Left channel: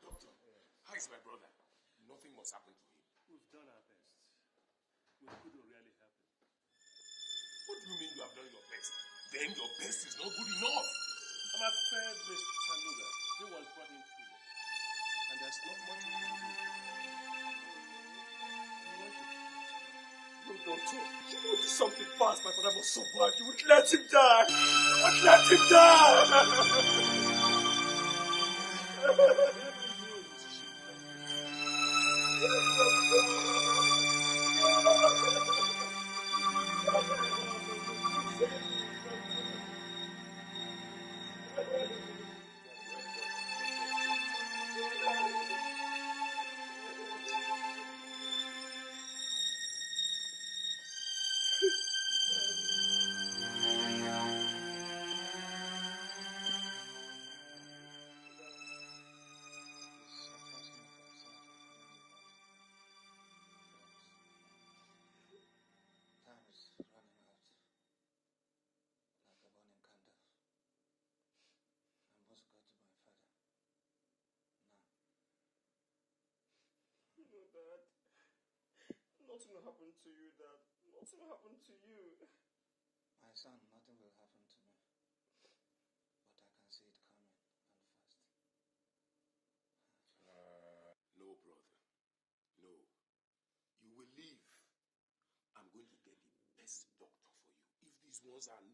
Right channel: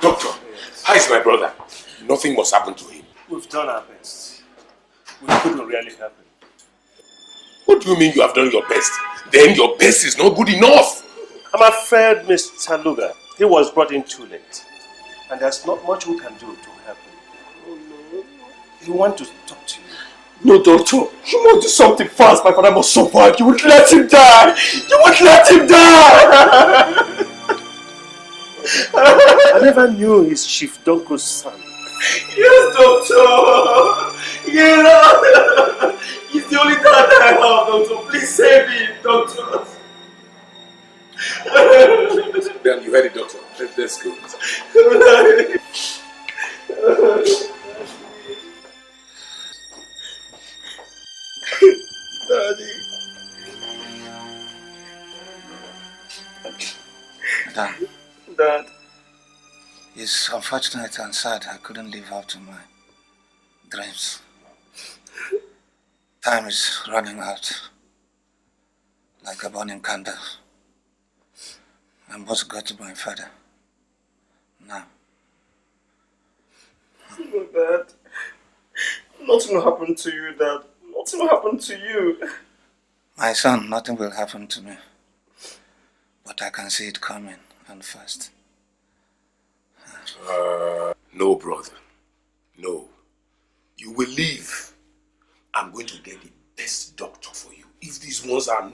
Doctor, how is my brother? Nothing must happen to him. We've done our best. We couldn't really help him. What do you mean you have done your best? Then your best is not good enough. I'm afraid, Mr. Luga, he was brought in too late. And there's not much we can do to help him. He wants to talk to you. No, doctor. You must do something fast. My father must survive. You won't let him die. You won't let him die. I never knew he's Chief Donko's son. Yes, doctor. Yeah. He's the only dad I have, doctor. Please save him, doctor. Then you heard it, doctor. Let's go. Dad. It's unfortunate and sad I couldn't live up to my dreams. Time is running out like a burning candle. I must go to my father now. No, Dad. Nothing will happen to you, Dad. Nothing will happen to you. My son, nothing will happen to me. But I can see it coming and fast. No, brother. No. You will live. I'm going to get the best doctor for you. If these ones are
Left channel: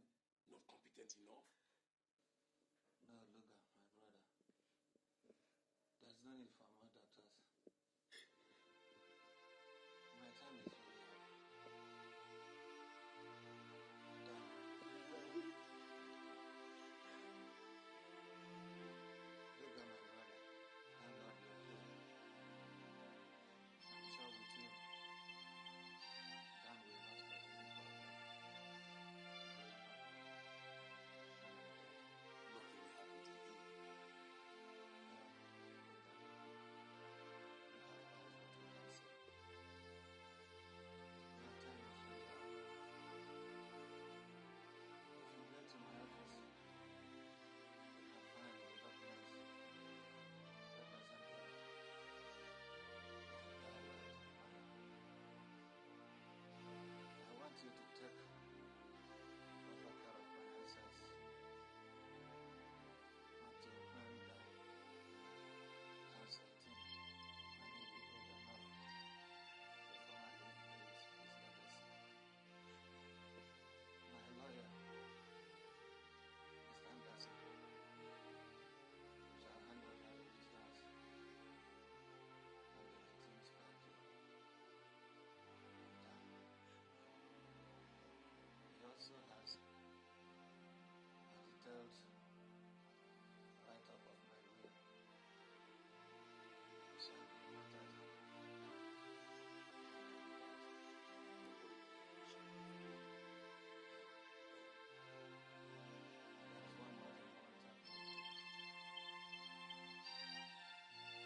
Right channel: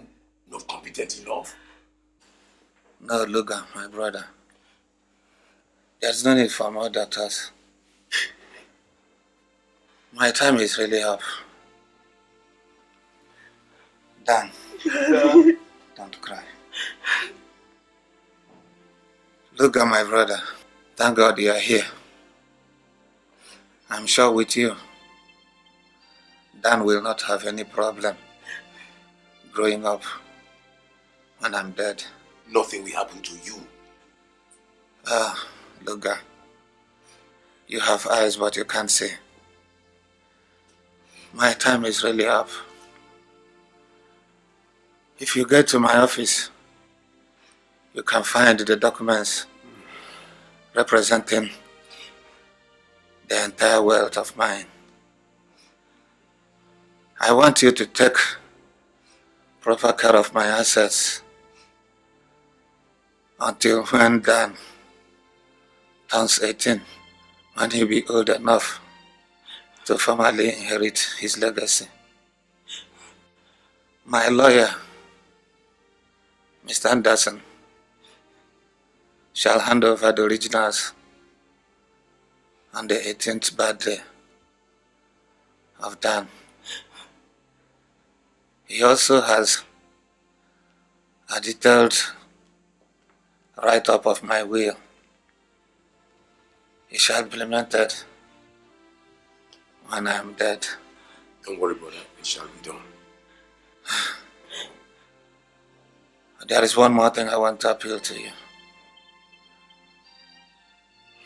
not competent enough. No, Luga, my brother. There's no need for more doctors. My time is really up. Dan, don't cry. Luga, my brother. Thank God you are here. I'm sure with you, Dan will not have any problem growing up when I'm dead. Nothing will happen to you. Luga, you have eyes but you can't see. My time is really up. If you get to my office, you can find the documents representing the entire wealth of mine. I want you to take proper care of my assets until when Dan turns 18, when he'll be old enough to formally inherit his legacy. My lawyer, Mr. Anderson, shall hand over the originals on the 18th birthday of Dan. He also has a detailed write-up of my will. It shall be implemented when I am dead. Don't worry, brother. It shall be done. There is one more thing I want to appeal to you.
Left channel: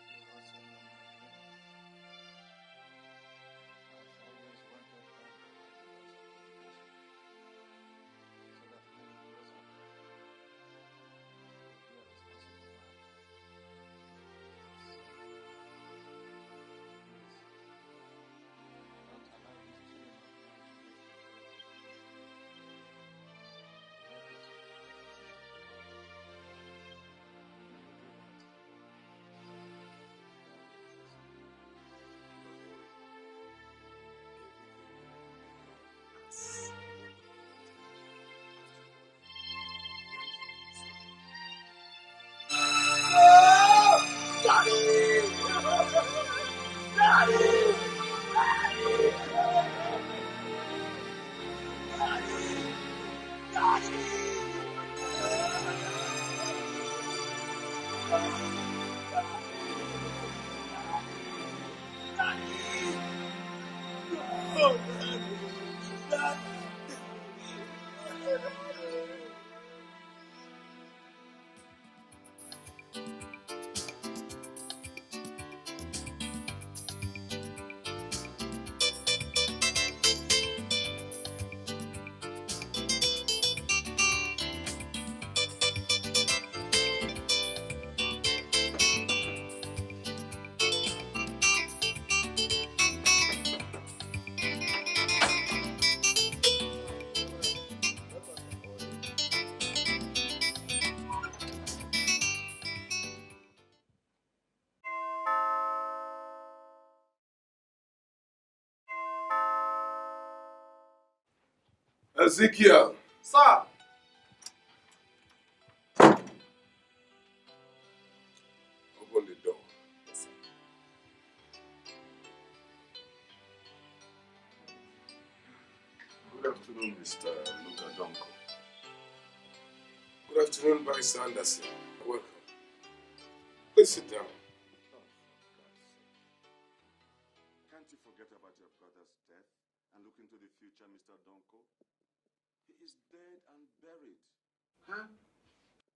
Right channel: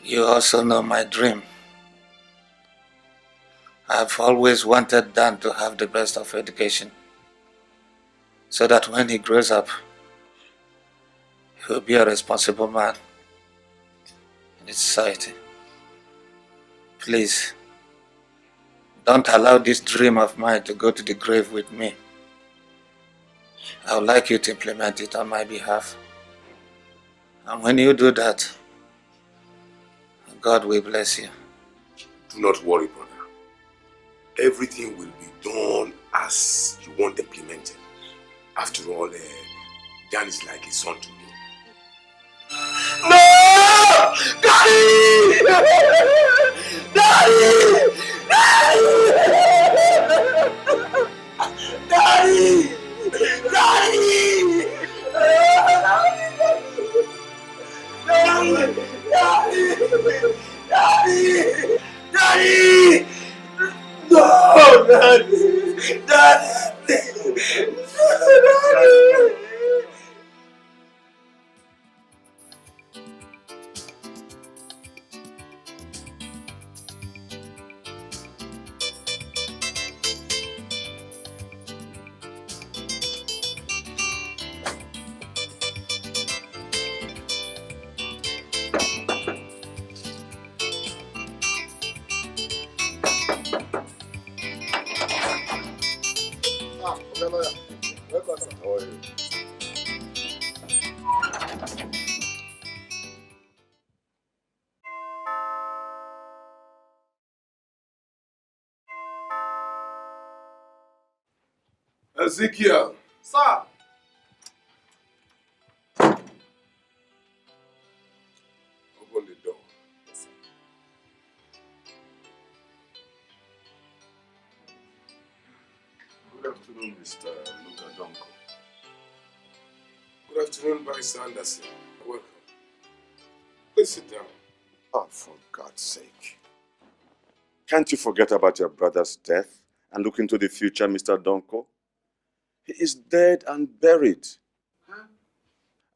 You also know my dream. I've always wanted Dan to have the best of education, so that when he grows up, he'll be a responsible man in society. Please, Don't allow this dream of mine to go to the grave with me. I would like you to implement it on my behalf. And when you do that, God will bless you. Do not worry, brother. Everything will be done as you want implemented. After all, Dan is like a son to me. No! Daddy! Daddy! Daddy! Daddy! Daddy! Daddy! Daddy! No! Daddy! Daddy! Daddy! Ezekiel! Sir! Open the door. Good afternoon, Mr. Luka Donko. Good afternoon, Barrister Anderson. Welcome. Please sit down. Oh, for God's sake. Can't you forget about your brother's death and look into the future, Mr. Donko? He is dead and buried. Huh?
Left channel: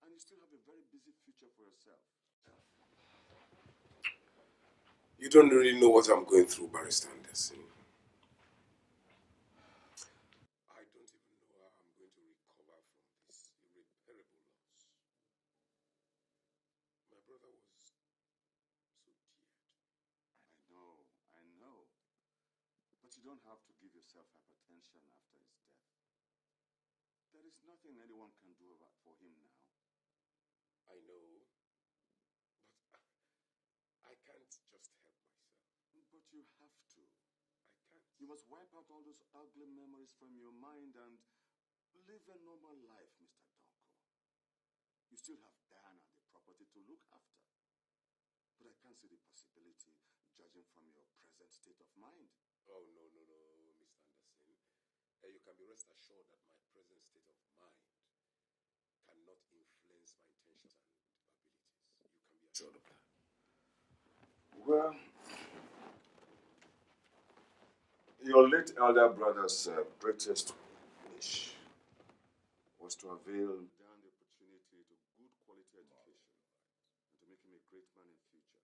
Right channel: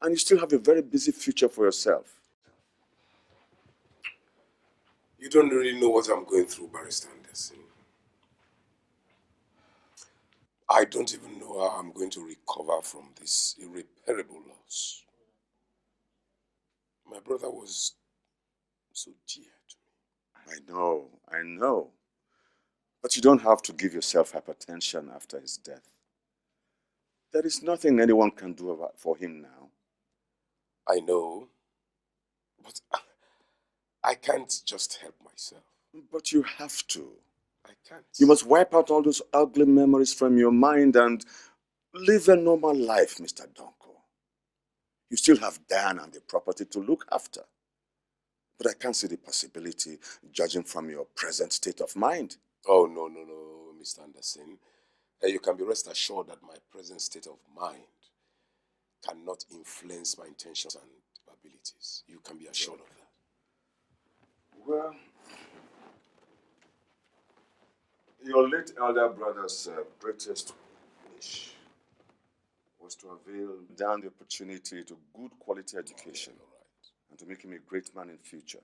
And you still have a very busy future for yourself. You don't really know what I'm going through, Barrister Anderson. I don't even know how I'm going to recover from this irreparable loss. My brother was so dear to me. I know. But you don't have to give yourself hypertension after his death. There is nothing anyone can do for him now. I know, but I can't just help myself. But you have to. I can't. You must wipe out all those ugly memories from your mind and live a normal life, Mr. Donko. You still have Dan and the property to look after. But I can't see the possibility, judging from your present state of mind. Oh, no, Mr. Anderson. You can be rest assured that my present state of mind cannot influence my intentions and abilities. You can be assured of that. Well, your late elder brother's greatest wish was to avail Dan the opportunity to good quality education and to make him a great man in future.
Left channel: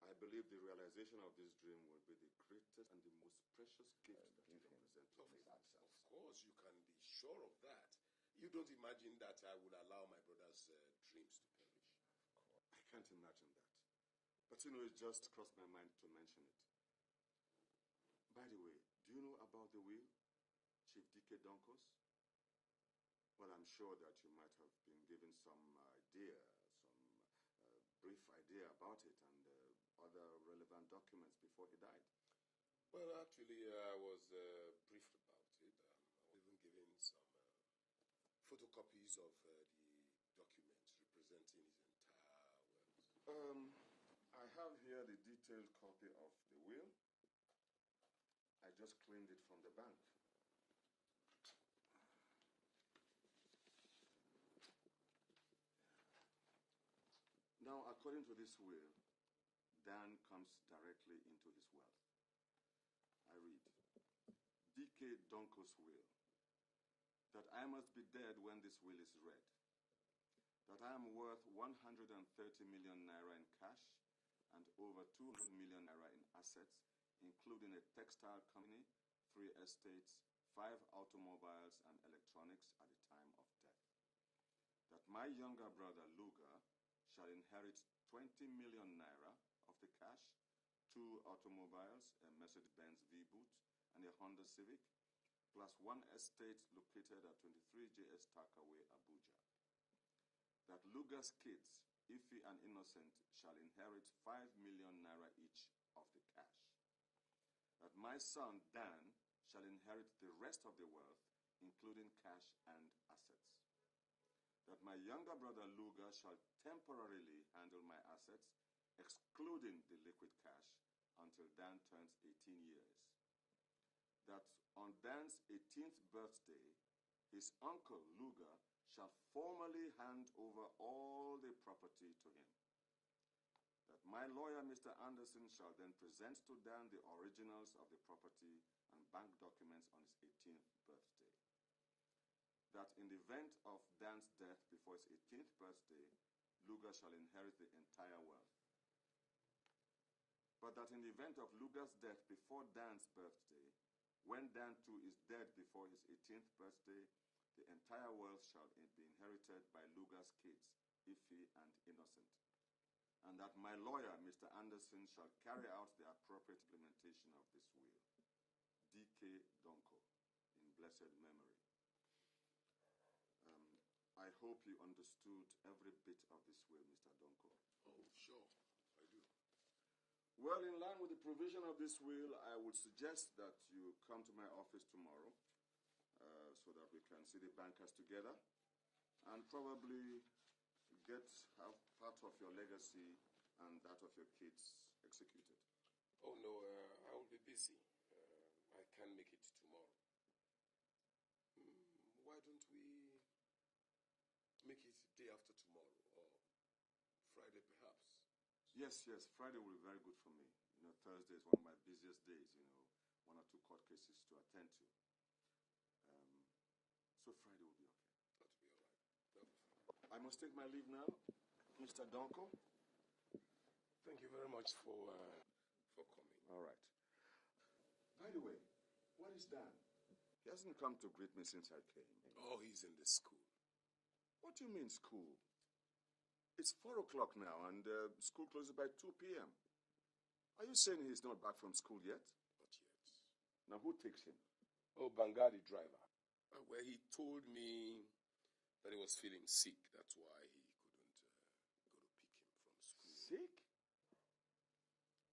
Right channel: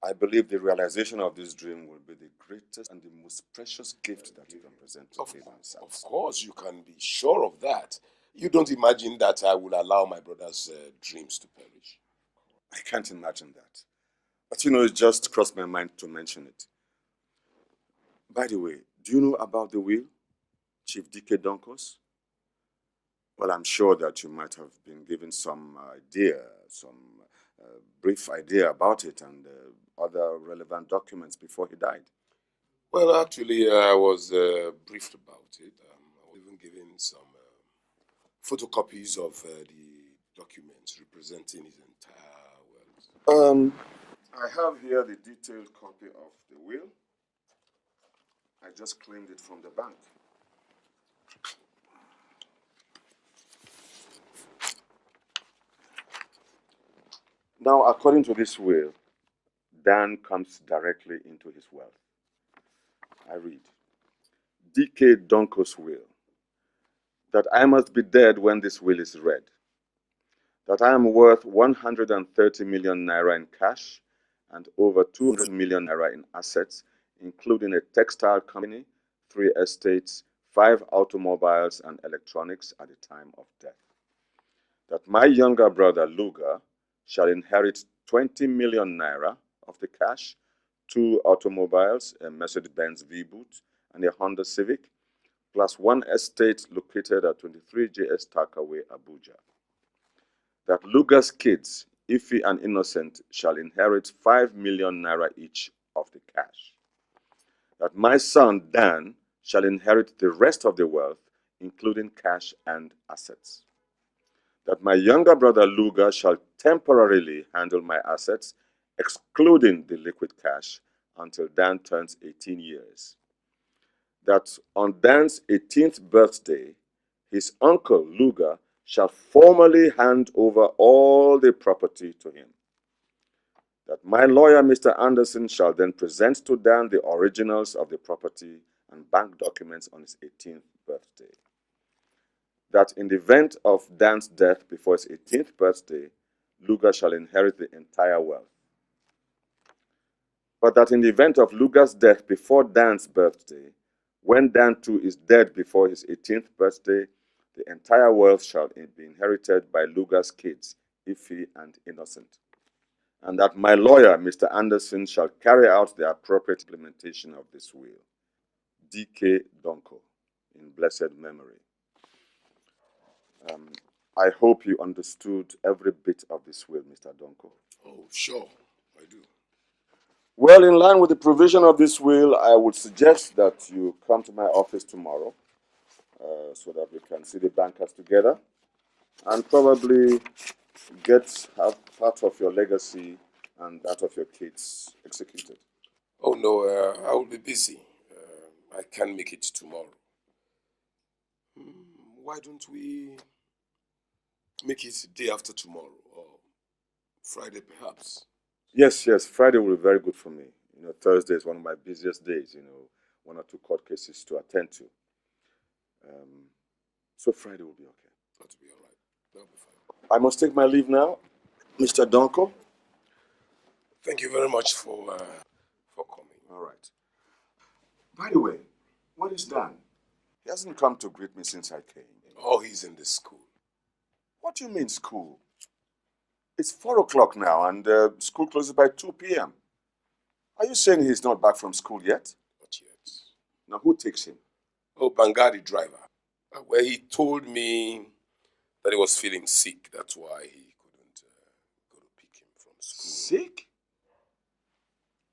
I believe the realization of this dream will be the greatest and the most precious gift that you can present to him himself. Of course, you can be sure of that. You don't imagine that I will allow my brother's dreams to perish. I can't imagine that. But it just crossed my mind to mention it. By the way, do you know about the will, Chief D.K. Donkos? Well, I'm sure that you might have been given some idea, some brief idea about it and other relevant documents before he died. Well, actually, I was briefed about it. I was even given some photocopies of the documents representing his entire wealth. I have here the detailed copy of the will. I just claimed it from the bank. Now, according to this will, Dan comes directly into his wealth. I read, D.K. Donko's will, that I must be dead when this will is read, that I am worth 130 million naira in cash and over 200 million naira in assets, including a textile company, 3 estates, 5 automobiles and electronics at the time of death. That my younger brother, Luga, shall inherit 20 million naira of the cash, 2 automobiles, a Mercedes-Benz V-Boot and a Honda Civic, plus 1 estate located at 23 JS Takaway, Abuja. That Luga's kids, Ife and Innocent, shall inherit 5 million naira each of the cash. That my son Dan shall inherit the rest of the wealth, including cash and assets. That my younger brother Luga shall temporarily handle my assets, excluding the liquid cash, until Dan turns 18 years. That on Dan's 18th birthday, his uncle Luga shall formally hand over all the property to him. That my lawyer, Mr. Anderson, shall then present to Dan the originals of the property and bank documents on his 18th birthday. That in the event of Dan's death before his 18th birthday, Luga shall inherit the entire wealth. But that in the event of Luga's death before Dan's birthday, when Dan too is dead before his 18th birthday, the entire wealth shall be inherited by Luga's kids, Ife and Innocent. And that my lawyer, Mr. Anderson, shall carry out the appropriate implementation of this will. D.K. Donko, in blessed memory. I hope you understood every bit of this will, Mr. Donko. Oh, sure, I do. Well, in line with the provision of this will, I would suggest that you come to my office tomorrow so that we can see the bankers together and probably have part of your legacy and that of your kids executed. Oh, no, I will be busy. I can't make it tomorrow. Why don't we make it day after tomorrow, or Friday perhaps? Yes, Friday will be very good for me. Thursday is one of my busiest days, 1 or 2 court cases to attend to. So Friday will be okay. That'll be all right. That'll be fine. I must take my leave now, Mr. Donko. Thank you very much for coming. All right. By the way, what is Dan? He hasn't come to greet me since I came. Oh, he's in the school. What do you mean school? It's 4 o'clock now and school closes by 2 p.m. Are you saying he's not back from school yet? Not yet. Now, who takes him? Oh, Bangadi driver. Where he told me that he was feeling sick. That's why he couldn't go to pick him from school. Sick?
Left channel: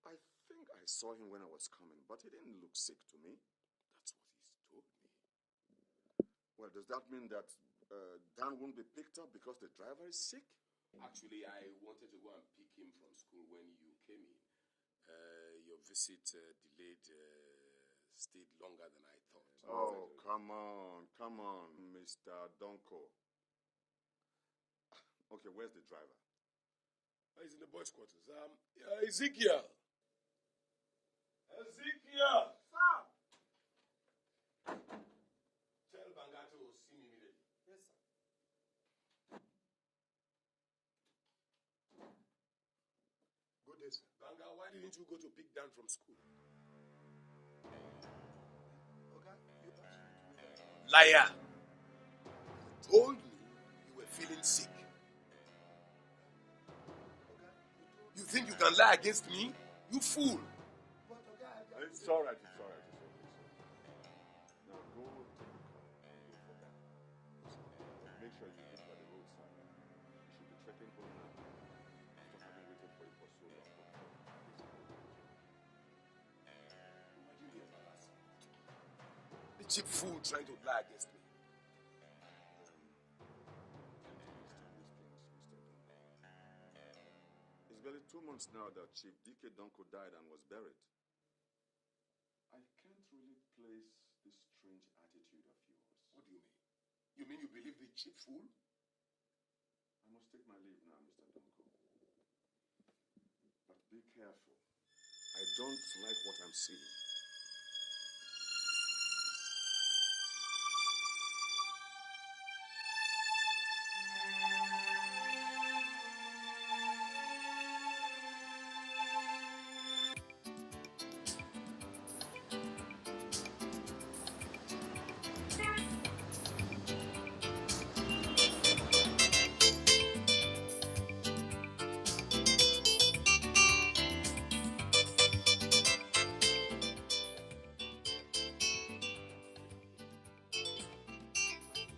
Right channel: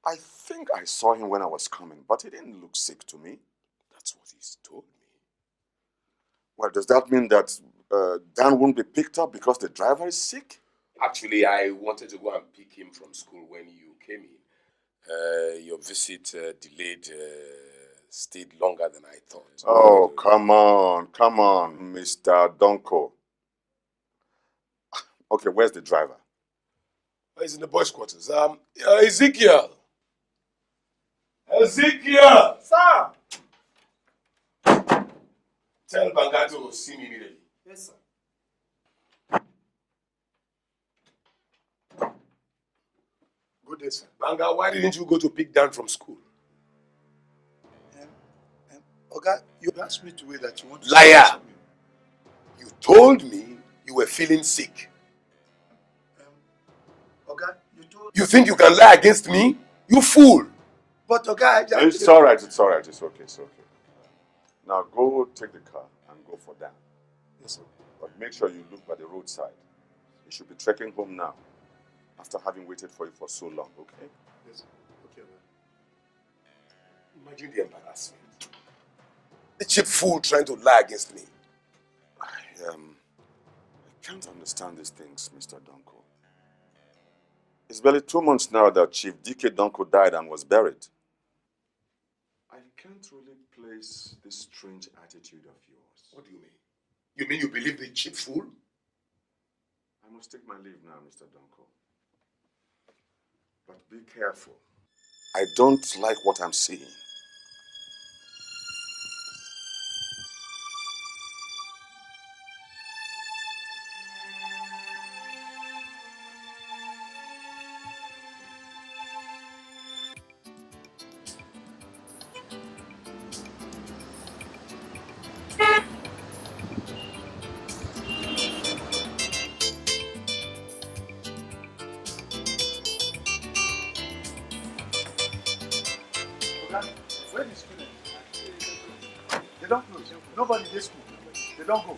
I think I saw him when I was coming, but he didn't look sick to me. That's what he's told me. Well, does that mean that Dan won't be picked up because the driver is sick? Actually, I wanted to go and pick him from school when you came in. Your visit delayed, stayed longer than I thought. Oh, come on, Mr. Donko. Okay, where's the driver? He's in the boys' quarters. Ezekiel! Ezekiel! Sir! Tell Banga to see me immediately. Yes, sir. Good day, sir. Banga, why didn't you go to pick Dan from school? Oga, you asked me to wait that you want to... Liar! You told me you were feeling sick. Oga, you told... You think you can lie against me? You fool! But Oga, It's all right. It's okay. Now go take the car and go for Dan. Yes, sir. But make sure you look by the roadside. You should be trekking home now, after having waited for you for so long, okay? Yes, sir. Okay. Imagine the embarrassment. The cheap fool trying to lie against me. I can't understand these things, Mr. Donko. It's barely 2 months now that Chief D.K. Donko died and was buried. I can't really place this strange attitude of yours. What do you mean? You mean you believe the cheap fool? I must take my leave now, Mr. Donko. But be careful. I don't like what I'm seeing. Nobody in this school. They don't go.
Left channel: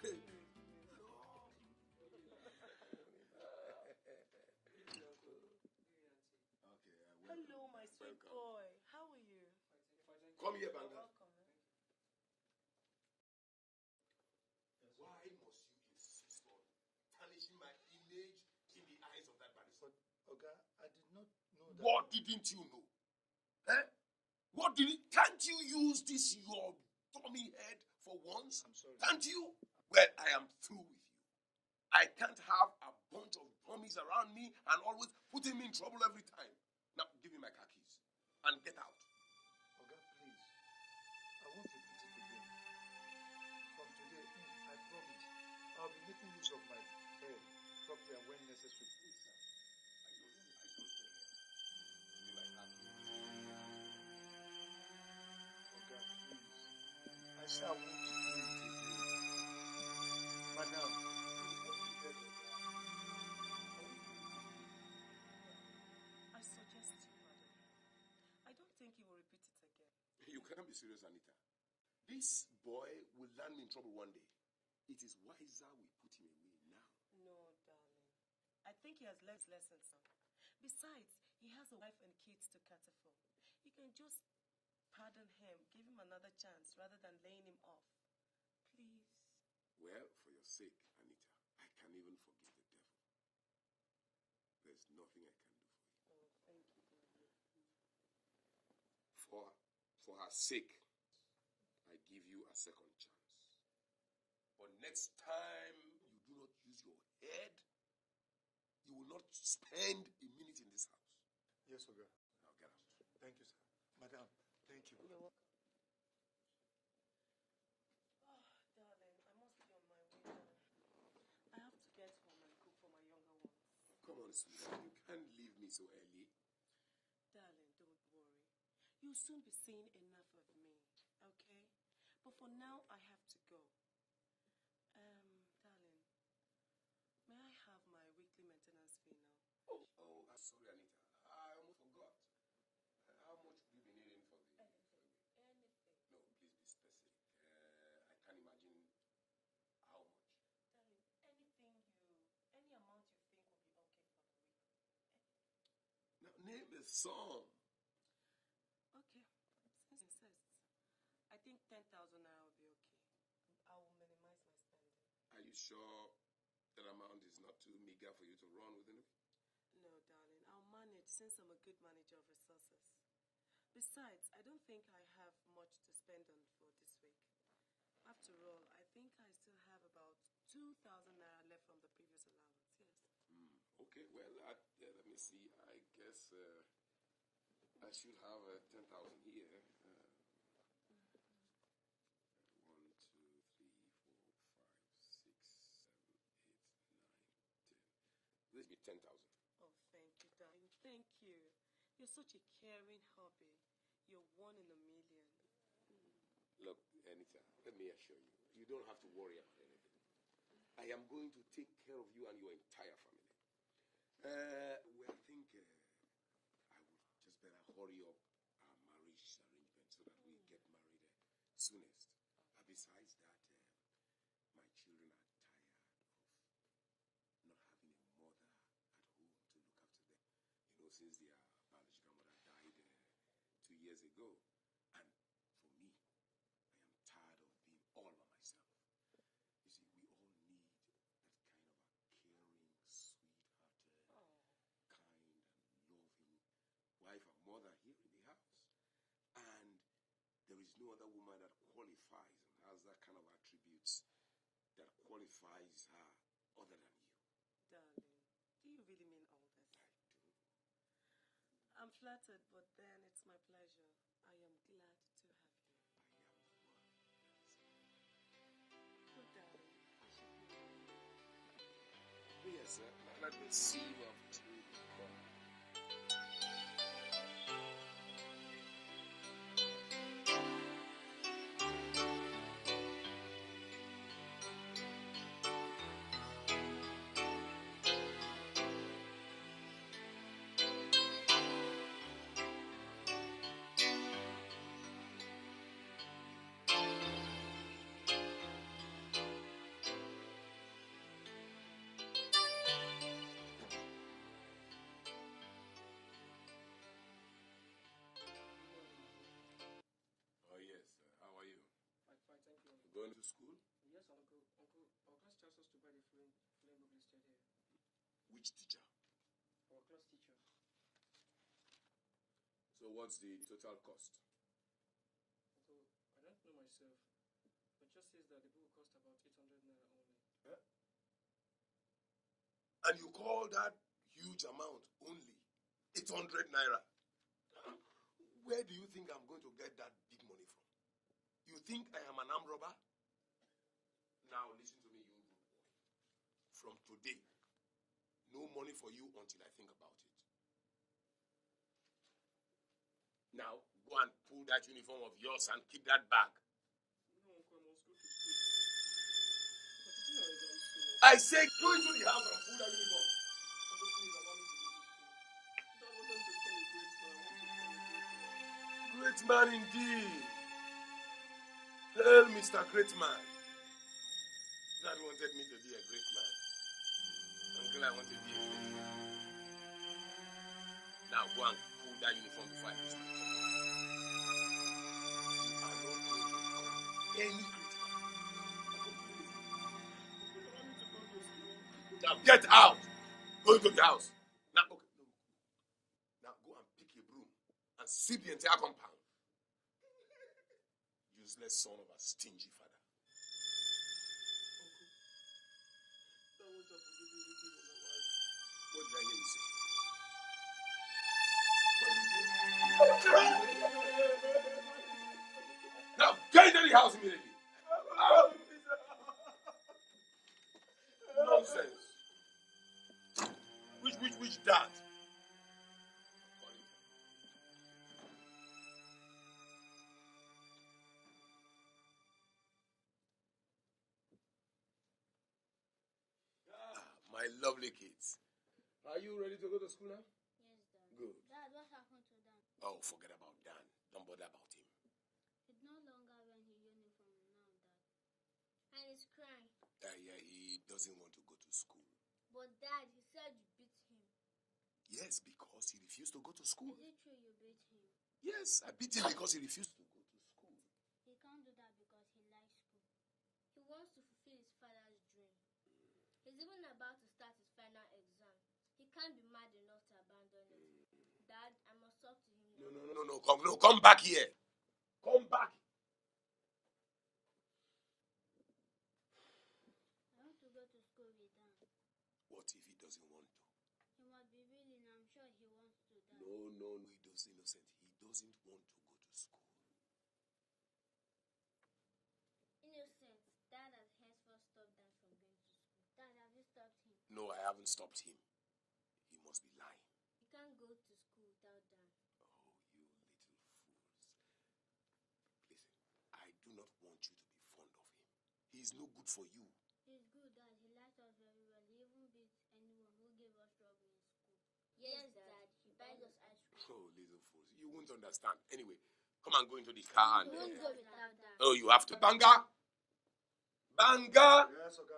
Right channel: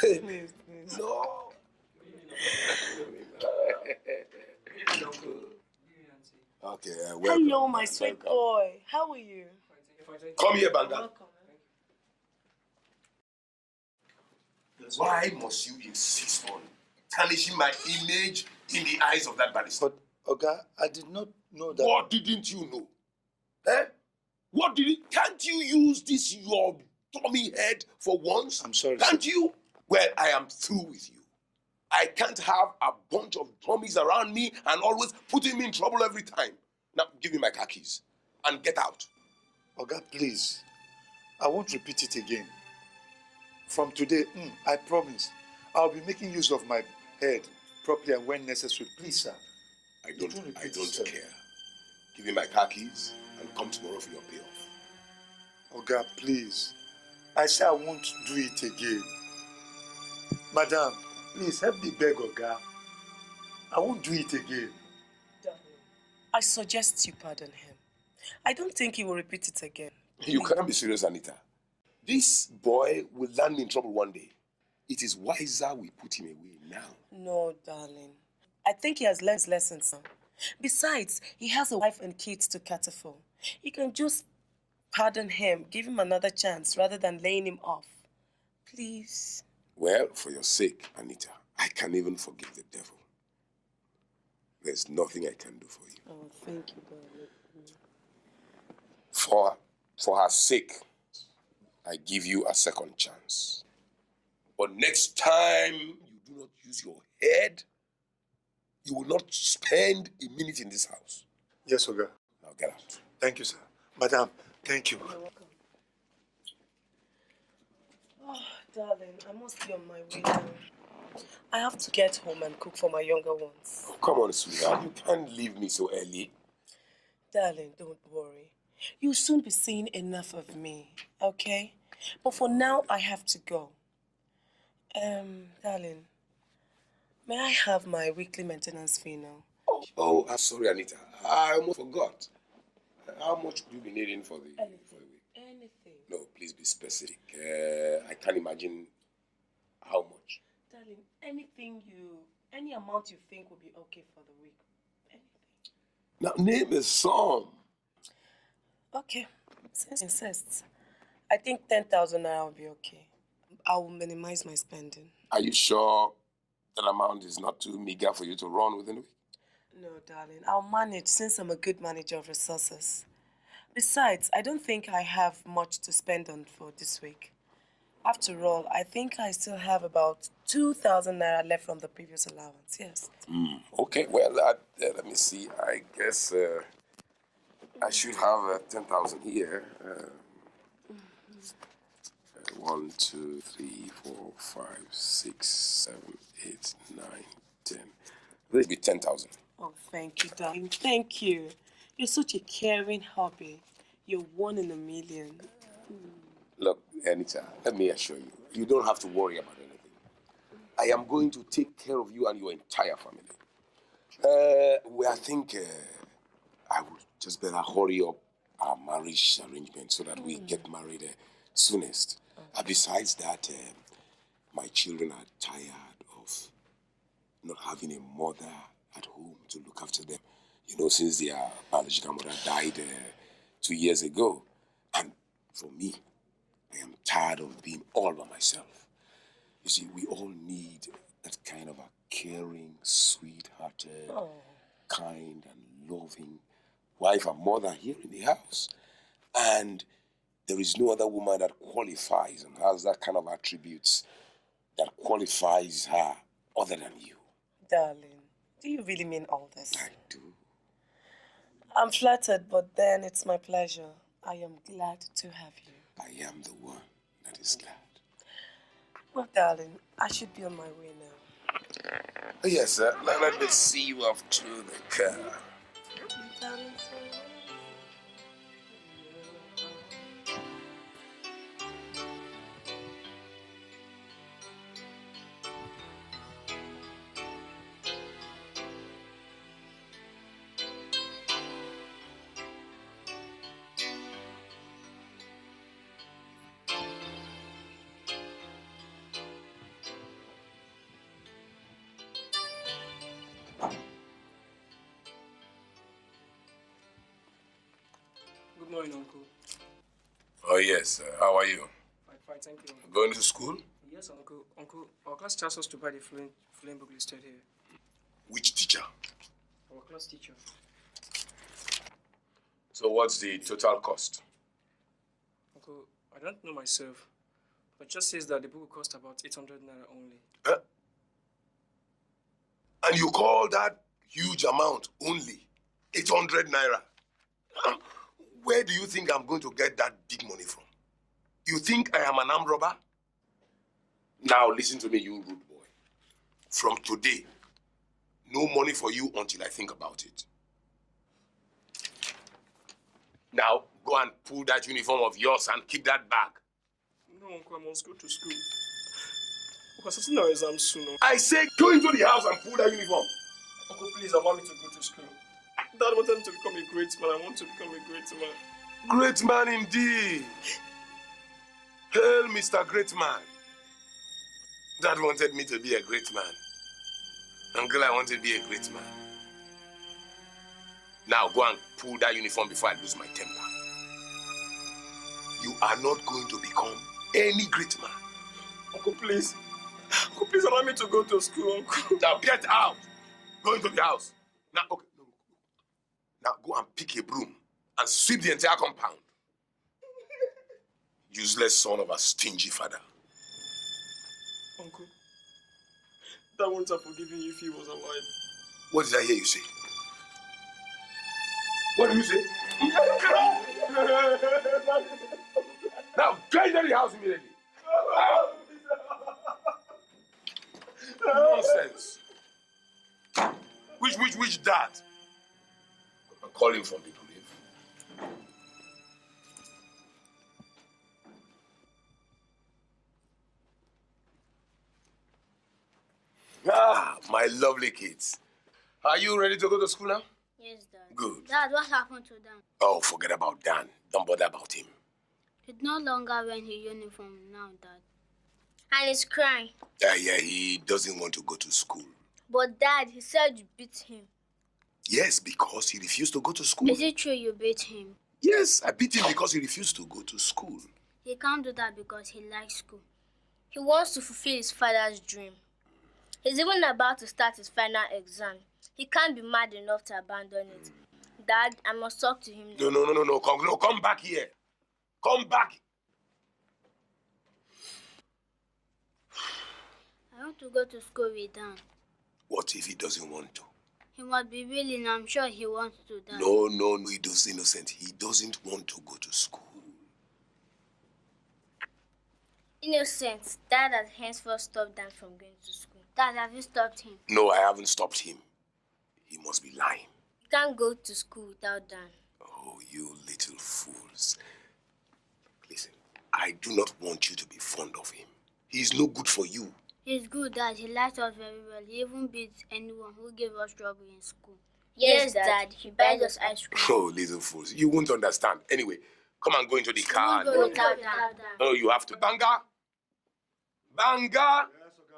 Please. No. Okay, welcome. Hello, my sweet boy. How are you? Come here, Banga. Welcome. Why must you insist on tarnishing my image in the eyes of that barrister? But, Oga, I did not know that. What didn't you know? Eh? What did it? Can't you use this your dummy head for once? I'm sorry. Can't you? Well, I am through with you. I can't have a bunch of dummies around me and always putting me in trouble every time. Now, give me my car keys and get out. Oga, please. I won't repeat it again. From today, I promise, I'll be making use of my head properly and when necessary. Please, sir. I don't care. Give me my car keys and come tomorrow for your payoff. Oga, please. I say I won't do it again. Madam, please help me beg Oga. I won't do it again. I suggest you pardon him. I don't think he will repeat it again. You can't be serious, Anita. This boy will land in trouble one day. It is wiser we put him away now. No, darling. I think he has learned his lessons now. Besides, he has a wife and kids to cater for. You can just pardon him, give him another chance rather than laying him off. Please. Well, for your sake, Anita, I can even forgive the devil. There's nothing I can do for you. Oh, thank you, darling. For her sake, I give you a second chance. But next time you do not use your head, you will not spend a minute in this house. Yes, Oga. Now get out. Thank you, sir. Madam, thank you. You're welcome. Oh, darling, I must be on my way now. I have to get home and cook for my younger ones. Oh, come on, sweetheart. You can't leave me so early. Darling, don't worry. You'll soon be seeing enough of me, okay? But for now, I have to go. Darling, may I have my weekly maintenance fee now? Oh, I'm sorry, Anita. I almost forgot. How much do you be needing for the week? Anything. No, please be specific. I can't imagine how much. Darling, any amount you think will be okay for the week. Anything. Now, name a sum. Okay, since you insist, I think 10,000 naira will be okay. I will minimize my spending. Are you sure that amount is not too meager for you to run within a week? No, darling, I'll manage since I'm a good manager of resources. Besides, I don't think I have much to spend on for this week. After all, I think I still have about 2,000 naira left from the previous allowance, yes. Okay, well, let me see. I guess I should have 10,000 here. 1, 2, 3, 4, 5, 6, 7, 8, 9, 10. Will it be 10,000? Oh, thank you, darling. Thank you. You're such a caring hubby. You're one in a million. Look, Anita, let me assure you, you don't have to worry about anything. I am going to take care of you and your entire family. I think I would just better hurry up our marriage arrangement so that we get married soonest. Besides that, my children are tired of not having a mother at home to look after them. You know, since their biological mother died 2 years ago. For me, I am tired of being all by myself. You see, we all need that kind of a caring, sweet-hearted, kind and loving wife and mother here in the house. And there is no other woman that qualifies and has that kind of attributes that qualifies her other than you. Darling, do you really mean all this? I do. I'm flattered, but then it's my pleasure. I am glad to have you. I am the one that is glad. Well, darling, I should be on my way now. Yes, sir. Let me see you off to the car. Good morning, Uncle. Oh, yes. How are you? Fine, thank you. Going to school? Yes, Uncle. Uncle, our class tells us to buy the flame book listed here. Which teacher? Our class teacher. So what's the total cost? Uncle, I don't know myself, but it just says that the book will cost about 800 naira only. Huh? And you call that huge amount only 800 naira? Where do you think I'm going to get that big money from? You think I am an armed robber? Now listen to me, you rude boy. From today, no money for you until I think about it. Now, go and pull that uniform of yours and keep that bag. No, Uncle, I must go to school. Because it's our exam soon. I say go into the house and pull that uniform. Uncle, please allow me to go to school. Dad wanted me to become a great man. I want to become a great man. Great man indeed. Hail, Mr. Great Man. Dad wanted me to be a great man. Uncle, I want to be a great man. Now go and pull that uniform before I lose my temper. You are not going to become any great man. Uncle, please. Uncle, please allow me to go to school, Uncle. Now get out. Go into the house. Now, okay. Now go and pick a broom and sweep the entire compound. Useless son of a stingy father. Uncle, Dad wouldn't have forgiven you if he was alive. What did I hear you say? What did you say? Now go into the house immediately. Nonsense. Which dad? I'm calling from the grave. Ah, my lovely kids. Are you ready to go to school now? Yes, Dad. Good. Dad, what happened to Dan? Oh, forget about Dan. Don't bother about him. He's no longer wearing his uniform now, Dad. And he's crying. Yeah, he doesn't want to go to school. But Dad, he said you beat him. Yes, because he refused to go to school. Is it true you beat him? Yes, I beat him because he refused to go to school. He can't do that because he likes school. He wants to fulfill his father's dream. He's even about to start his final exam. He can't be mad enough to abandon it. Dad, I must talk to him now. No. Come back here. Come back. I want to go to school with Dan. What if he doesn't want to? He must be willing. I'm sure he wants to, Dad. No, he does innocent. He doesn't want to go to school. Innocent. Dad has henceforth stopped Dan from going to school. Dad, have you stopped him? No, I haven't stopped him. He must be lying. He can't go to school without Dan. Oh, you little fools. Listen, I do not want you to be fond of him. He's no good for you. He's good, Dad. He likes us very well. He even beats anyone who gave us trouble in school. Yes, Dad. He buys us ice cream. Oh, little fools. You won't understand. Anyway, come and go into the car. Go without Dan. No, you have to. Banga!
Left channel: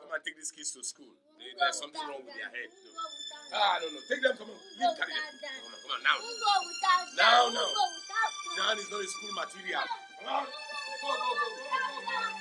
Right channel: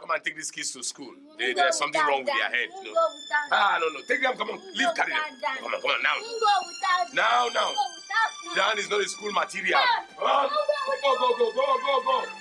Come and take these kids to school. There's something wrong with their head. No. No. Take them. Come on. Leave, carry them. Come on. Now. Now. Dan is not a school material. Go, go, go, go, go, go.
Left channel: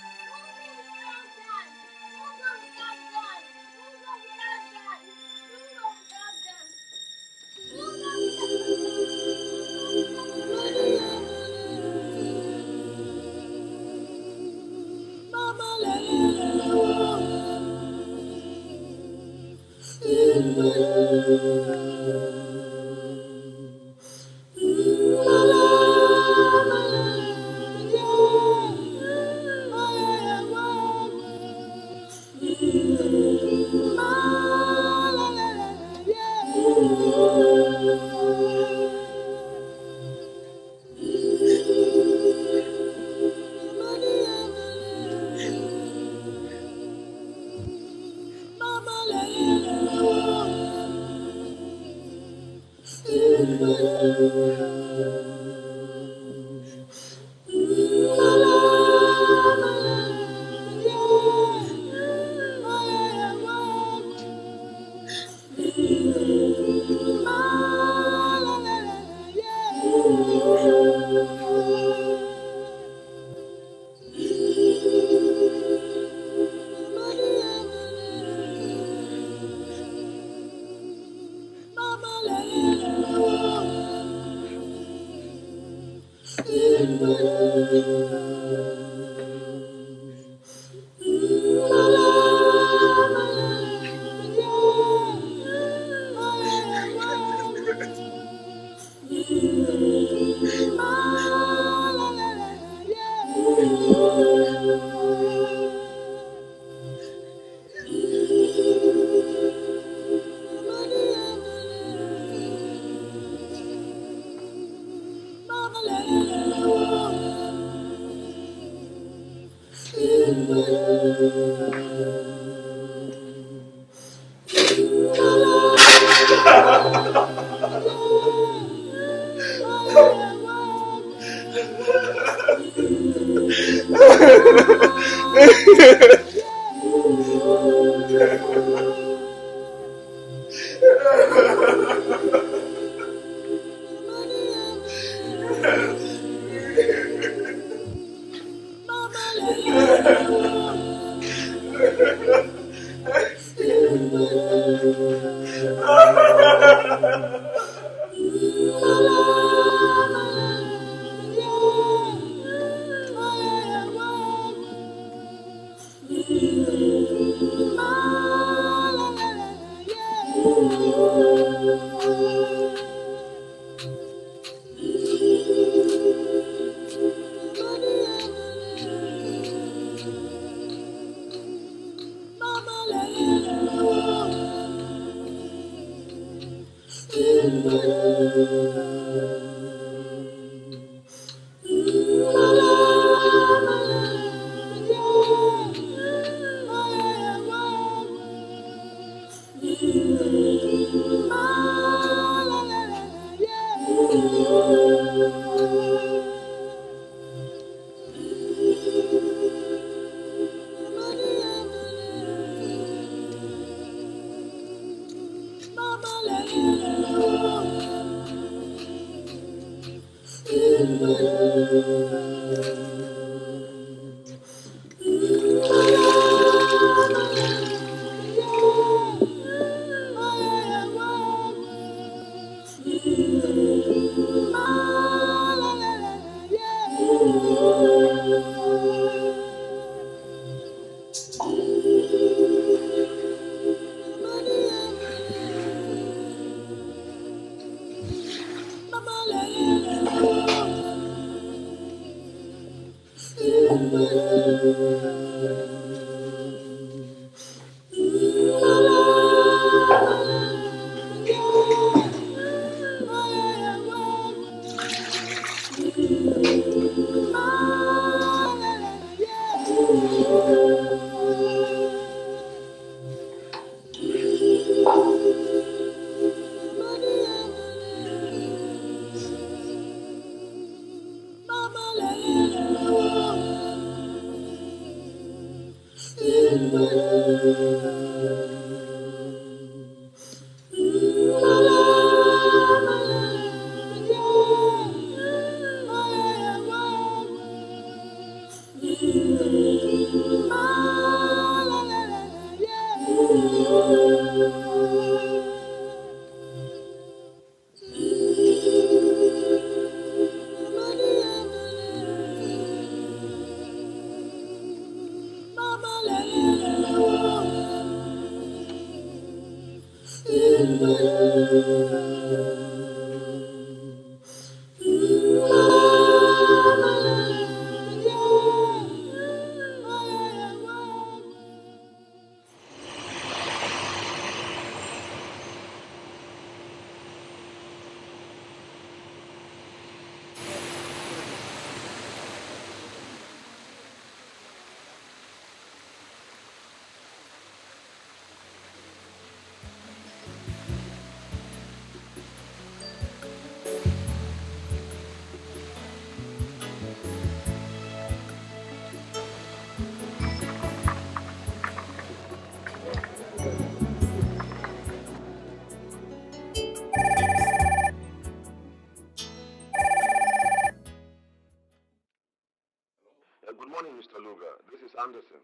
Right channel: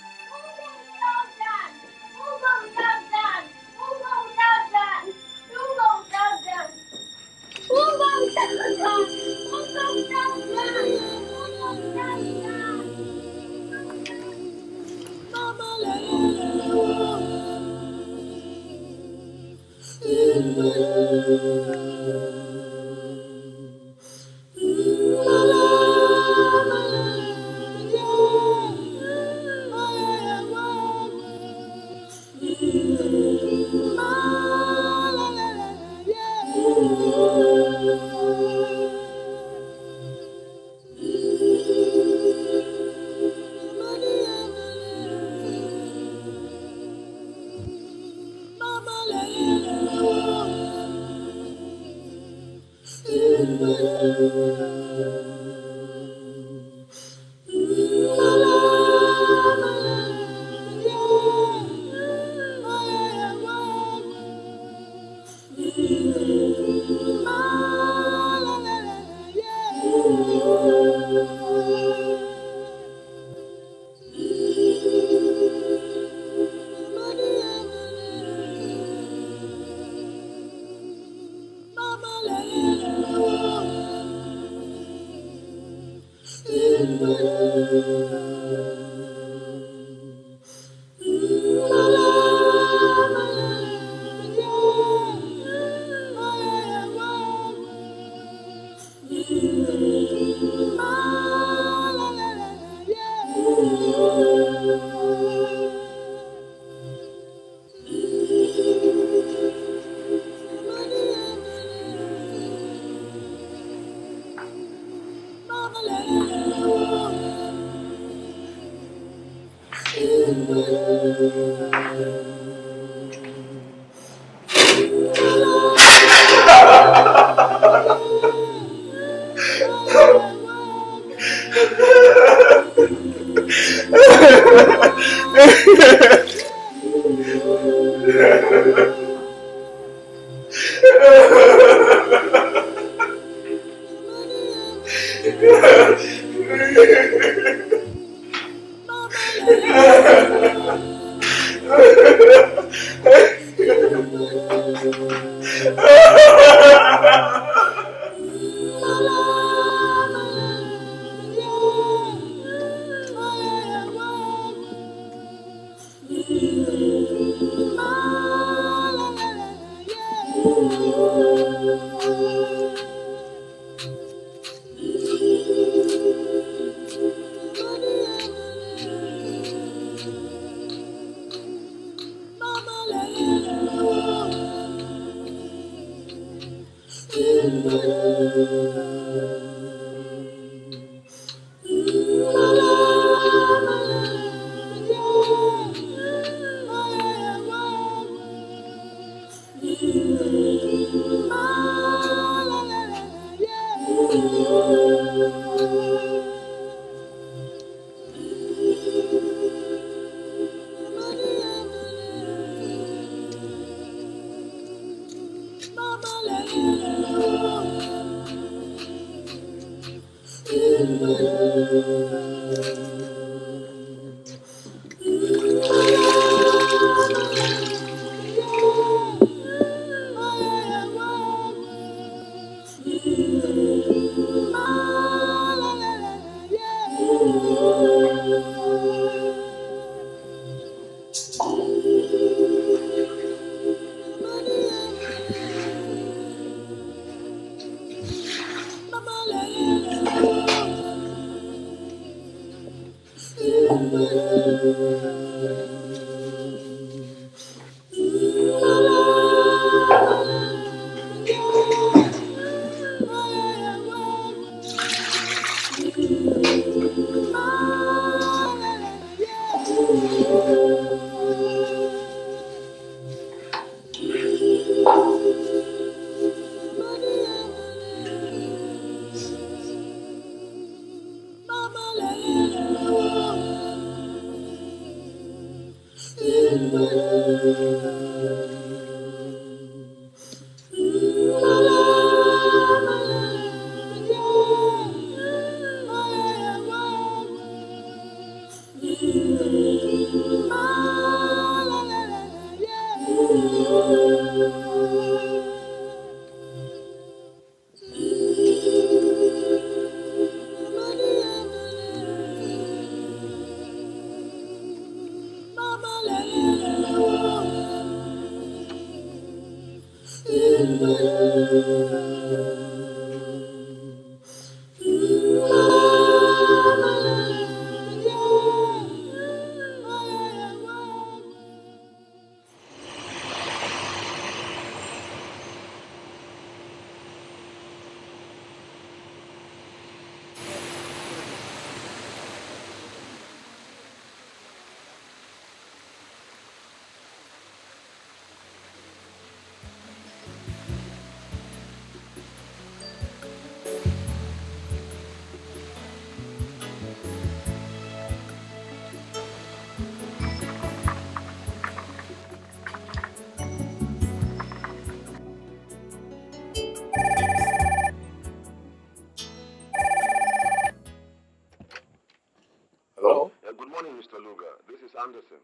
Taluga, this is Anderson.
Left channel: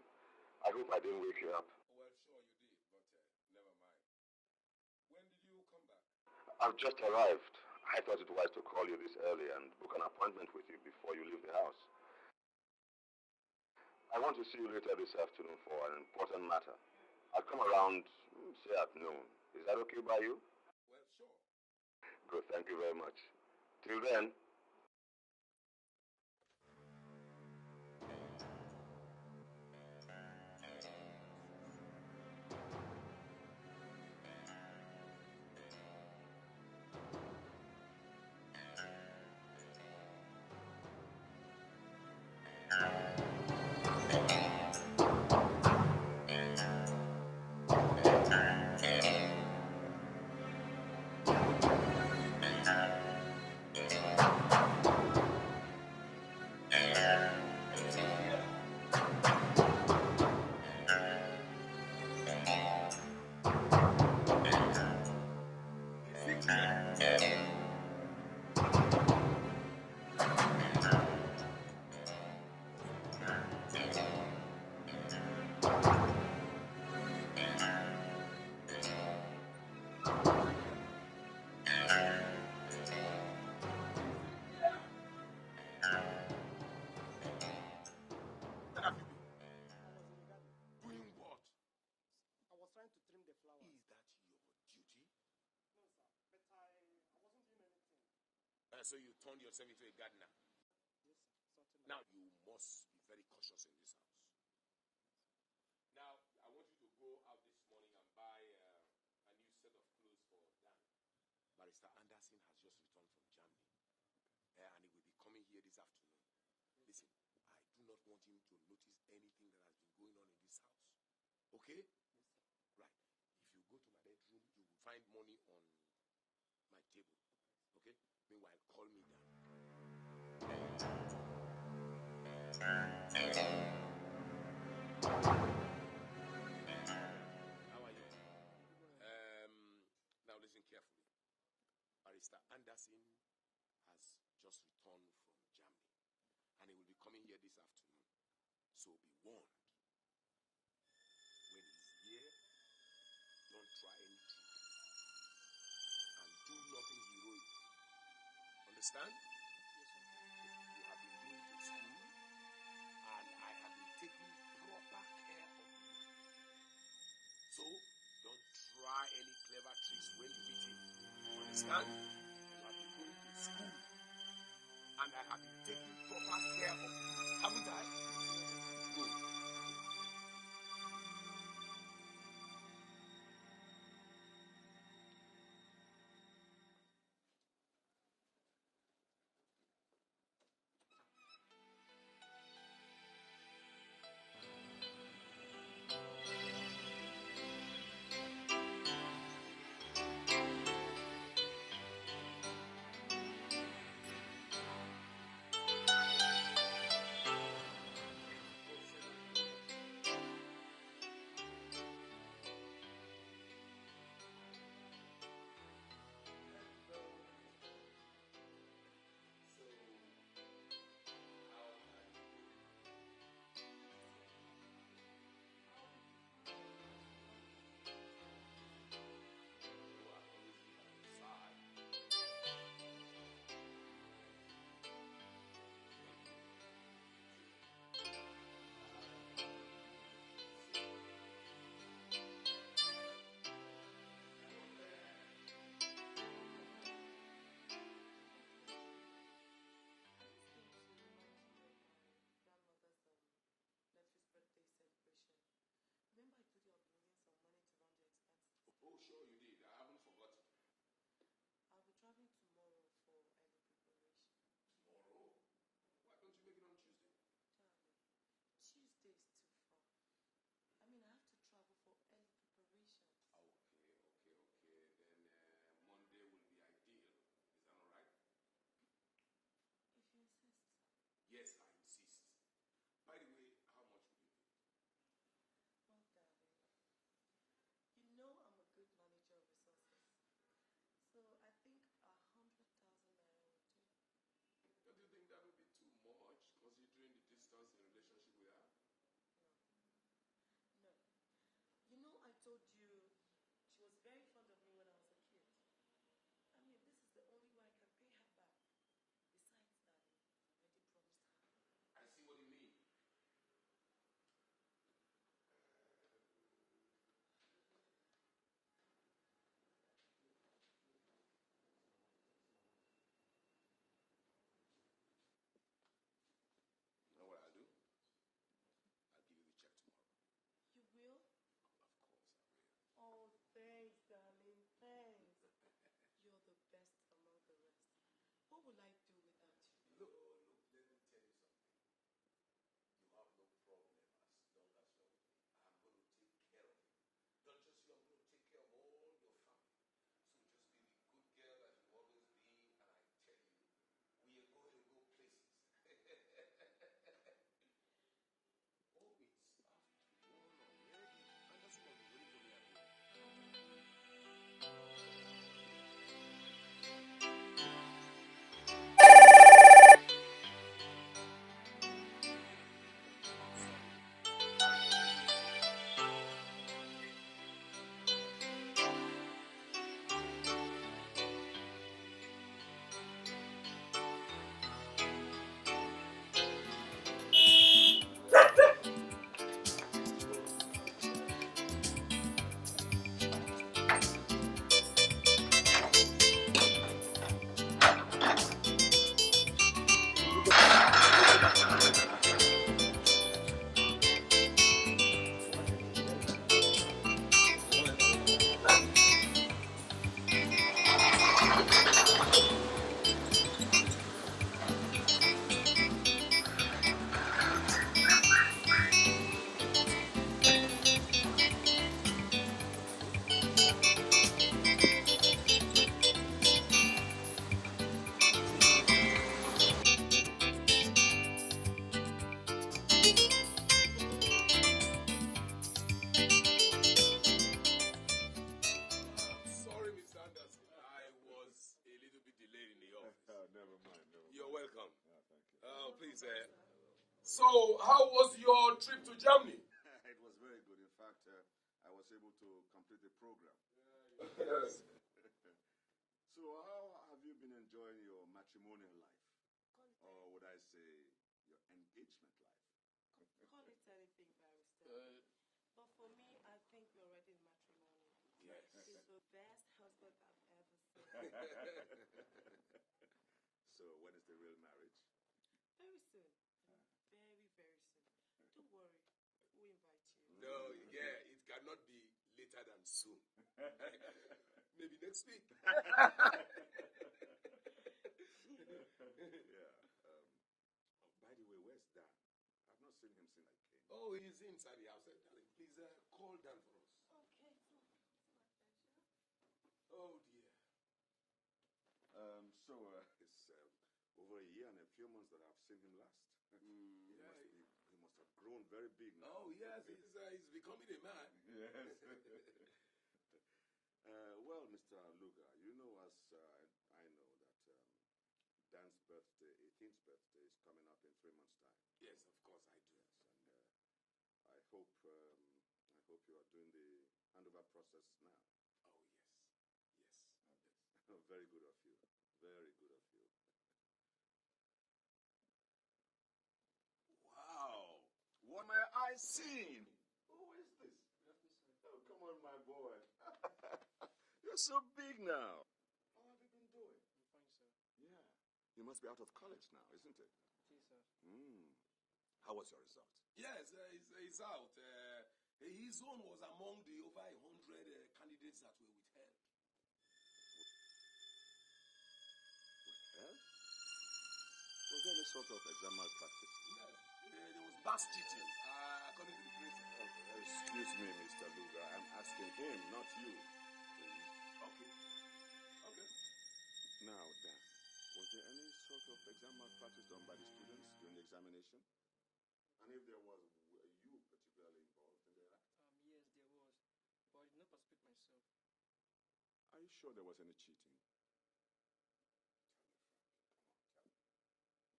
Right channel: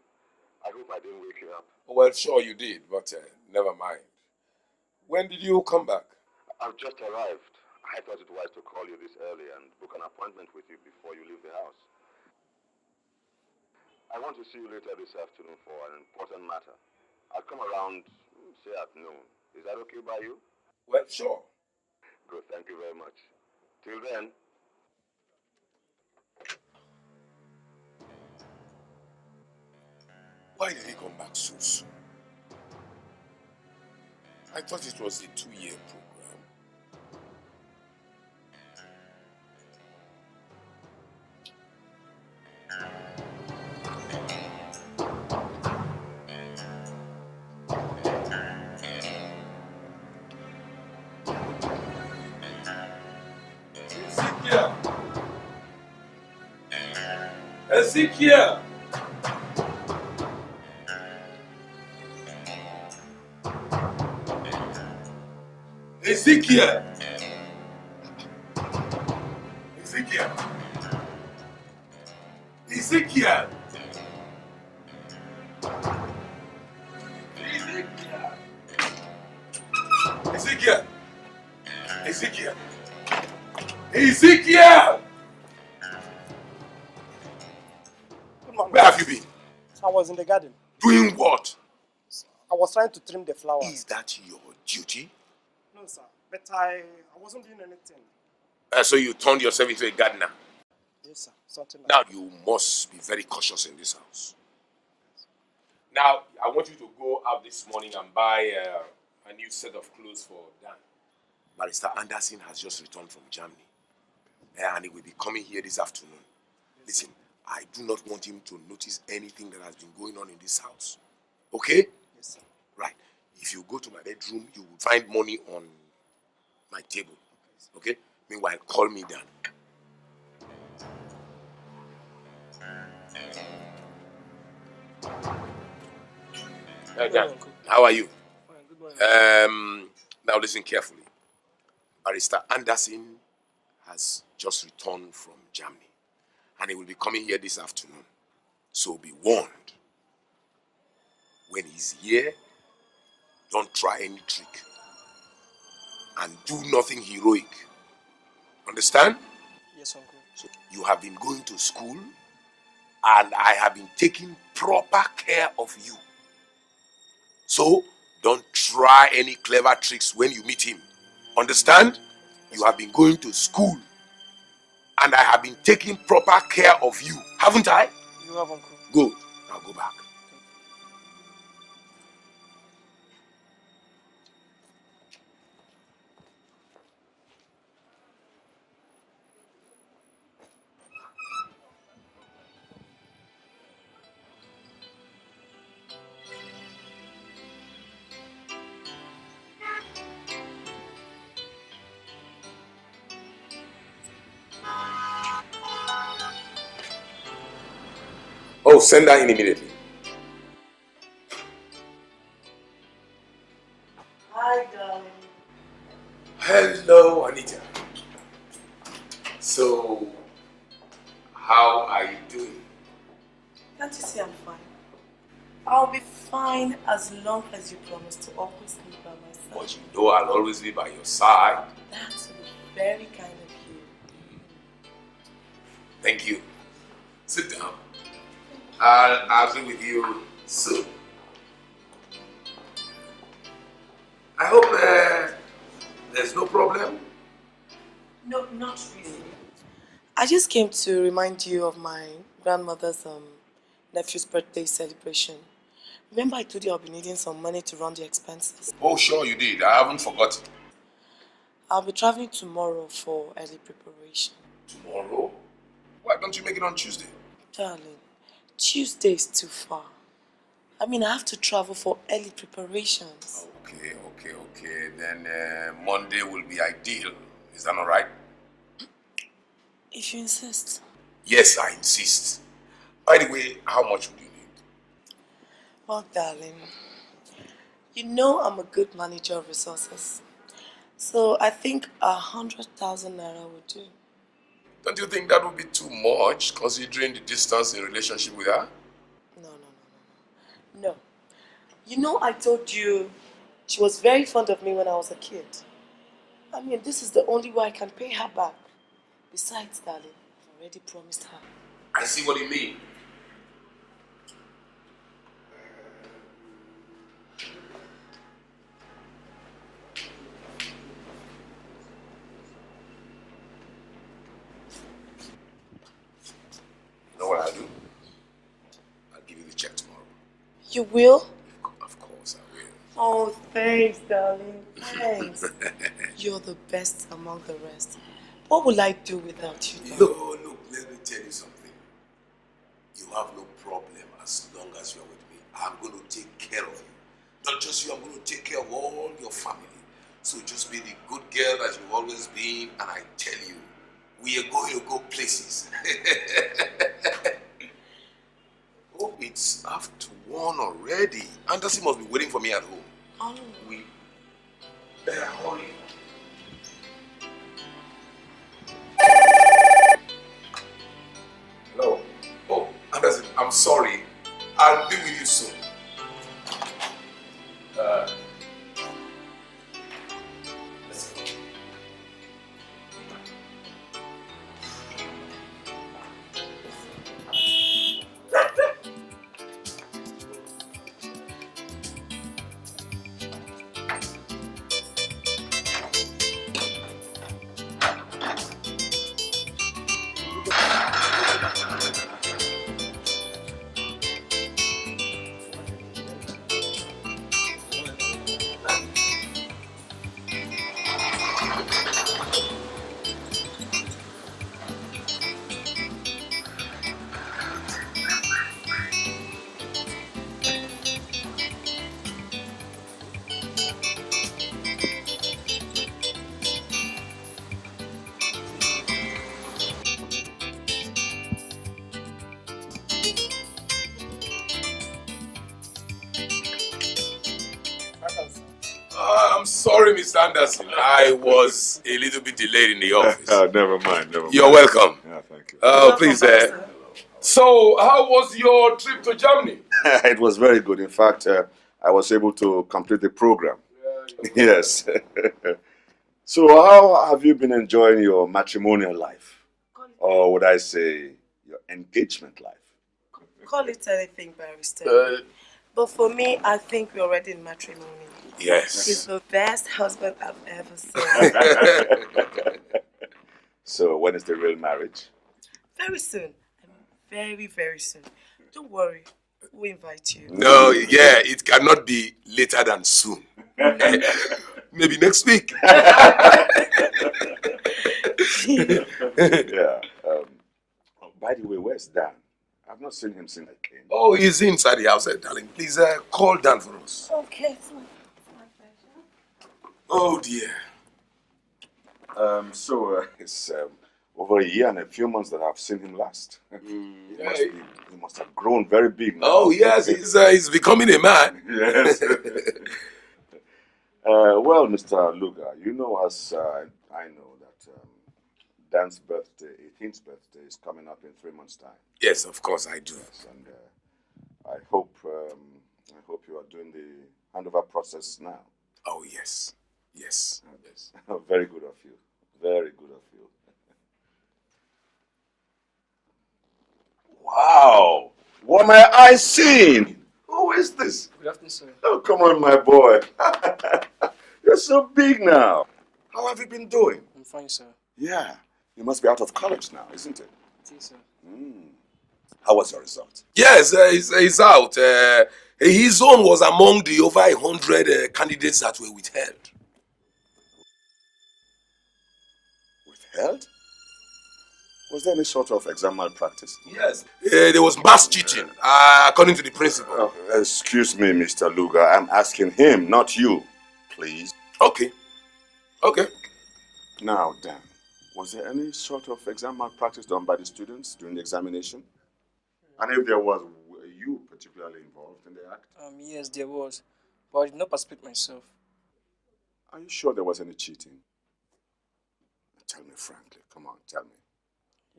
I hope I didn't wake you up. Well, sure you did, but never mind. When did you come back? I've just arrived. I thought it wise to call you this early and book an appointment with you before you leave the house. I want to see you later this afternoon for an important matter. I'll come around, say at noon. Is that okay by you? Well, sure. Good, thank you very much. Till then. Why did he come back so soon? I thought it was a 2-year program. Ezekiel! Ezekiel! Ezekiel! Ezekiel! Ezekiel! Ezekiel! Ezekiel! Where have you been? I was in the garden. Doing what? I was trying to trim the flowers. Is that your duty? No, sir. But I wasn't doing anything. So you turned yourself into a gardener? Yes, sir. Something like Now you must be very cautious in this house. Now, I want you to go out this morning and buy a new set of clothes for Dan. Barrister Anderson has just returned from Germany. And he will be coming here this afternoon. Listen, I do not want him to notice anything that has been going on in this house. Okay? Yes, sir. Right. If you go to my bedroom, you will find money on my table. Okay? Meanwhile, call me Dan. Dan, how are you? Now listen carefully. Barrister Anderson has just returned from Germany. And he will be coming here this afternoon. So be warned. When he's here, don't try any trick. And do nothing heroic. Understand? Yes, uncle. So you have been going to school, and I have been taking proper care of you. So don't try any clever tricks when you meet him. Understand? You have been going to school, and I have been taking proper care of you. Haven't I? You have, uncle. Good. Now go back. Oh, send her in immediately. Hi, darling. Hello, Anita. So, how are you doing? Can't you see I'm fine? I'll be fine as long as you promise to always be by my side. But you know I'll always be by your side. That's very kind of you. Thank you. Sit down. I'll be with you soon. I hope there's no problem. No, not really. I just came to remind you of my grandmother's nephew's birthday celebration. Remember I told you I'll be needing some money to run the expenses? Oh, sure you did. I haven't forgotten. I'll be traveling tomorrow for early preparation. Tomorrow? Why don't you make it on Tuesday? Darling, Tuesday is too far. I mean, I have to travel for early preparations. Okay. Then Monday will be ideal. Is that all right? If you insist. Yes, I insist. By the way, how much would you need? Well, darling, you know I'm a good manager of resources. So I think 100,000 naira would do. Don't you think that would be too much, considering the distance in relationship with her? No. You know, I told you she was very fond of me when I was a kid. I mean, this is the only way I can pay her back. Besides, darling, I've already promised her. I see what you mean. You know what I'll do? I'll give you the check tomorrow. You will? Of course I will. Oh, thanks, darling. Thanks. You're the best among the rest. What will I do without you, darling? Look, let me tell you something. You have no problem as long as you're with me. I'm going to take care of you. Not just you, I'm going to take care of all your family. So just be the good girl that you've always been, and I tell you, we are going to go places. Oh, it's after 1 already. Anderson must be waiting for me at home. Oh. We better hurry. No. Oh, Anderson, I'm sorry. I'll be with you soon. I'm sorry, Mr. Anderson. I was a little bit delayed in the office. Never mind. You're welcome. Yeah, thank you. Please. So, how was your trip to Germany? It was very good. In fact, I was able to complete the program. Yes. So, how have you been enjoying your matrimonial life? Or would I say your engagement life? Call it anything, Barrister. But for me, I think we're already in matrimony. Yes. He's the best husband I've ever seen. So, when is the real marriage? Very soon. Very, very soon. Don't worry. We'll invite you. No, yeah, it cannot be later than soon. Maybe next week. Yeah. By the way, where's Dan? I've not seen him since I came. Oh, he's inside the house, darling. Please call Dan for us. Okay. Oh, dear. It's over a year and a few months that I've seen him last. He must have grown very big now. Oh, yes, he's becoming a man. Yes. Well, Mr. Luga, you know, as I know that Dan's birthday, 18th birthday, is coming up in 3 months' time. Yes, of course I do. Yes, and I hope you are doing the handover process now. Oh, yes. Yes. Very good of you. Very good of you. Wow! What am I seeing? Who is this? Good afternoon, sir. Oh, come on, my boy. You're so big now. How have you been doing? I'm fine, sir. Yeah. You must be out of college now, isn't it? It is, sir. How was your result? Yes, he's out. His own was among the over 100 candidates that were withheld. Withheld? Was there any sort of exam malpractice? Yes. There was mass cheating, according to the principal. Oh, excuse me, Mr. Luga. I'm asking him, not you. Please. Okay. Now, Dan, was there any sort of exam malpractice done by the students during the examination? And if there was, were you particularly involved in the act? Yes, there was. But I did not participate myself. Are you sure there was any cheating? Tell me frankly. Come on, tell me.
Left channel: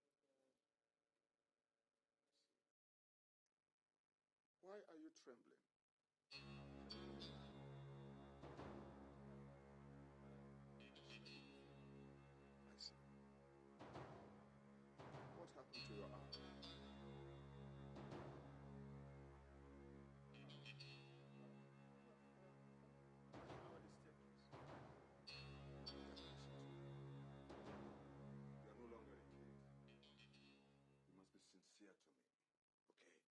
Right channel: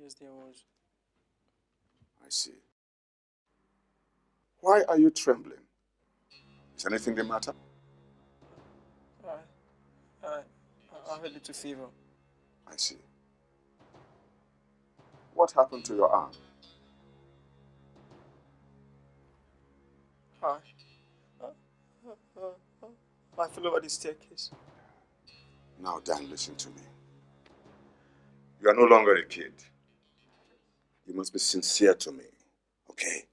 Yes, there was. I see. Why are you trembling? Is anything the matter? I have a little fever. I see. What happened to your arm? I fell over the staircase. Now, Dan, listen to me. You are no longer a kid. You must be sincere to me, okay?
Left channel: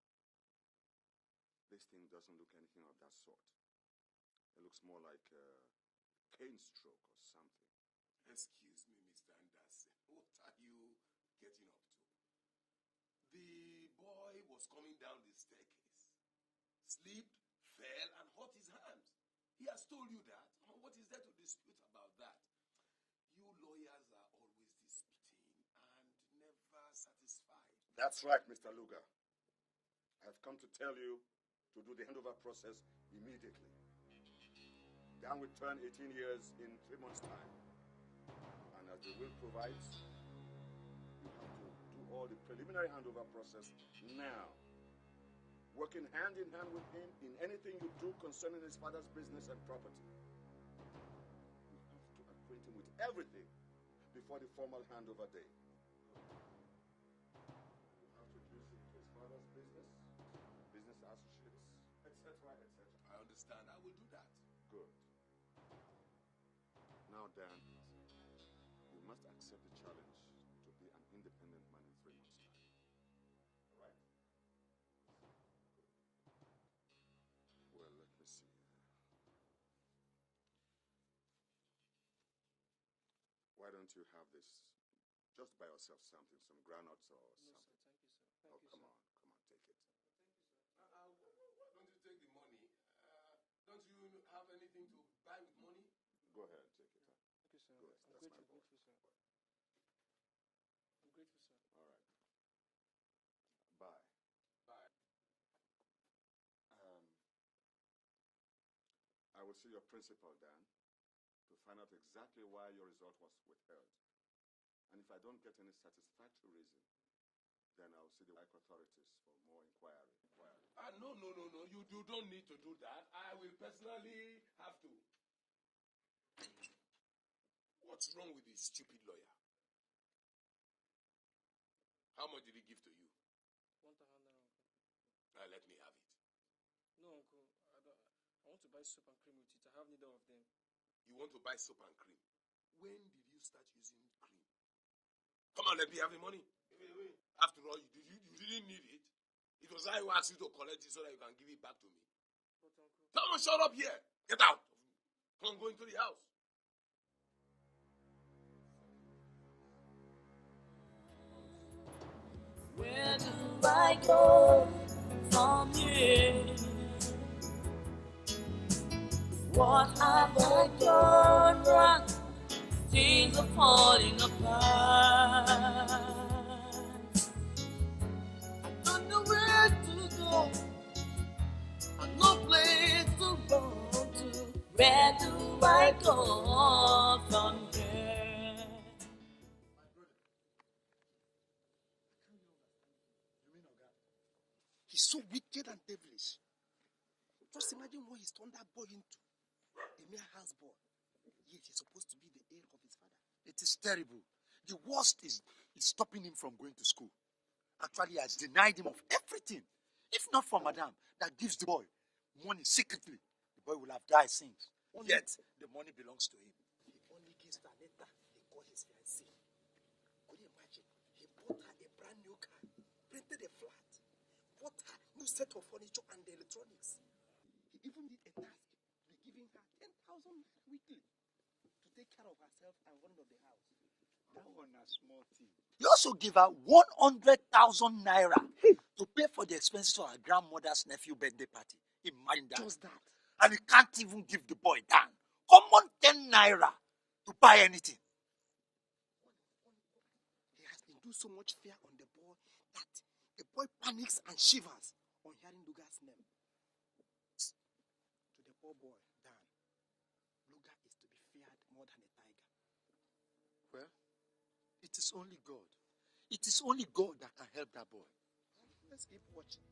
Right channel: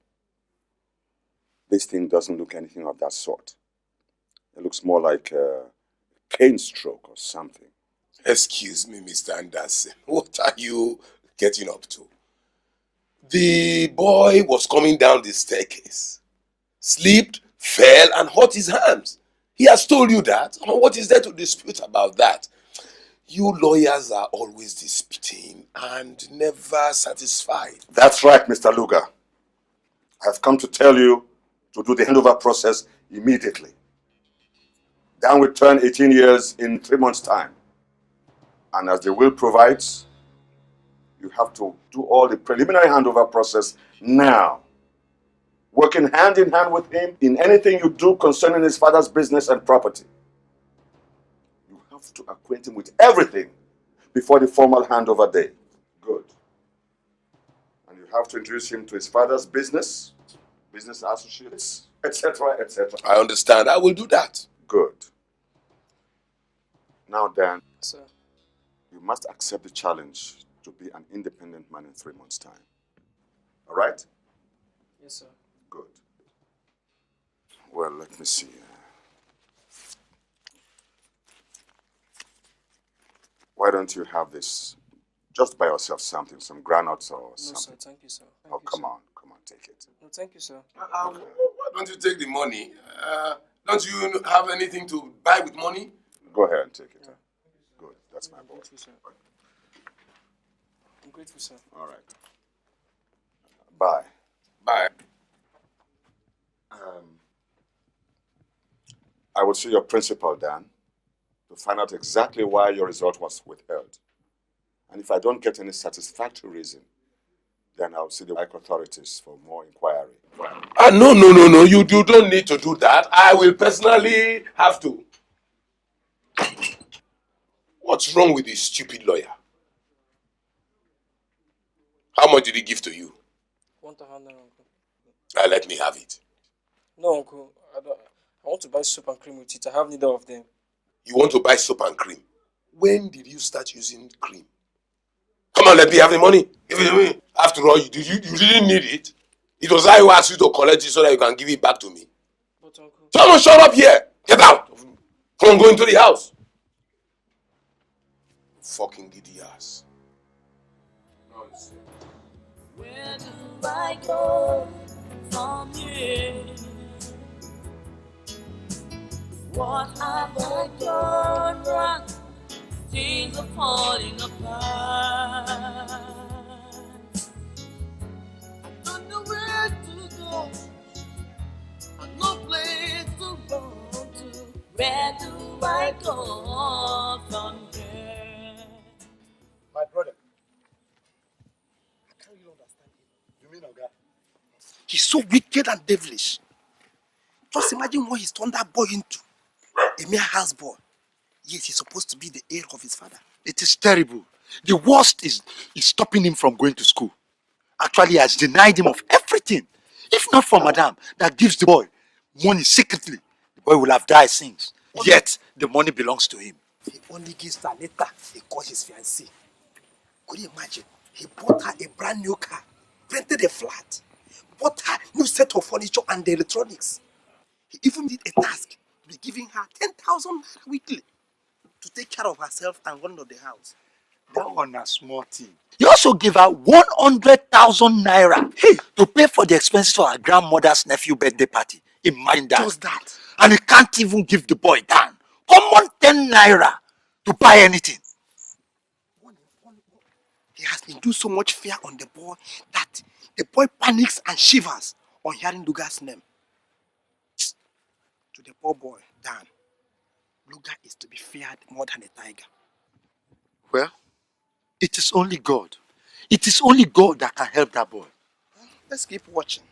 This thing doesn't look anything of that sort. It looks more like a pain stroke or something. Excuse me, Mr. Anderson. What are you getting up to? The boy was coming down the staircase, slipped, fell, and hurt his hands. He has told you that. What is there to dispute about that? You lawyers are always disputing and never satisfied. That's right, Mr. Lugar. I've come to tell you to do the handover process immediately. Dan will turn 18 years in 3 months' time. And as the will provides, you have to do all the preliminary handover process now. Working hand in hand with him in anything you do concerning his father's business and property. You have to acquaint him with everything before the formal handover day. Good. And you have to introduce him to his father's business associates, etc., etc. I understand. I will do that. Good. Now, Dan, Sir. you must accept the challenge to be an independent man in 3 months' time. All right? Yes, sir. Good. Well, let me see. Why don't you have this just by yourself, something, some granules or something? No, sir. Thank you, sir. Oh, come on, take it. No, thank you, sir. Why don't you take the money? Don't you have anything to buy with money? Go ahead and take it. Yeah. Good, that's my boy. Grateful, sir. I'm grateful, sir. All right. Bye. Bye. I will see your principal, Dan, to find out exactly why your result was withheld. And if I don't get any satisfactory reason, then I'll see the authorities for more inquiry. No. You don't need to do that. I will personally have to. What's wrong with this stupid lawyer? How much did he give to you? 1,000 naira, uncle. Let me have it. No, uncle. I want to buy soap and cream with it. I have neither of them. You want to buy soap and cream? When did you start using cream? Come on, let me have the money. Give it to me. After all, you didn't need it. It was I who asked you to collect it so that you can give it back to me. But, uncle... Someone shut up here. Get out. Come on, go into the house. Fucking giddy ass. Where do I go from here? What have I done wrong? Things are falling apart. I don't know where to go. I've no place to go to. Where do I go from here? My brother, I can't really understand him. You mean Oga? He's so wicked and devilish. Just imagine what he's turned that boy into. A mere houseboy. Yes, he's supposed to be the heir of his father. It is terrible. The worst is stopping him from going to school. Actually, he has denied him of everything. If not for Madame that gives the boy money secretly, the boy will have died since. Yet, the money belongs to him. He only gives her later he calls his fiancée. Could you imagine? He bought her a brand new car, rented a flat, bought her new set of furniture and the electronics. He even did a task to be giving her 10,000 naira weekly to take care of herself and run of the house. That one a small thing. He also gave her 100,000 naira to pay for the expenses for her grandmother's nephew birthday party. Imagine that. Just that. And he can't even give the boy down. Common 10 naira to buy anything. He has induced so much fear on the boy that the boy panics and shivers on hearing Lugar's name. To the poor boy, Dan, Lugar is to be feared more than a tiger. Well, it is only God. It is only God that can help that boy. Let's keep watching.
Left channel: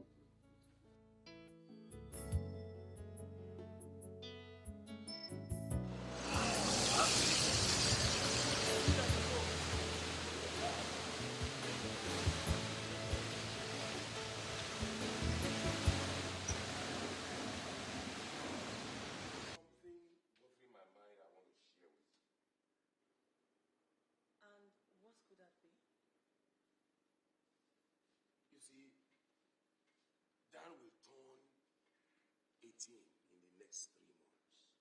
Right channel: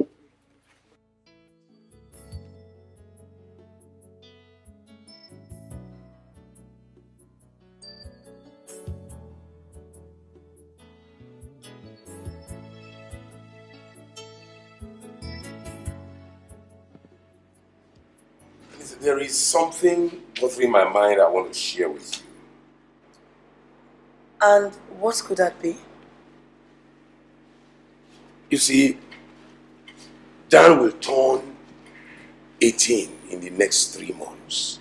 There is something bothering my mind I want to share with you. And what could that be? You see, Dan will turn 18 in the next 3 months.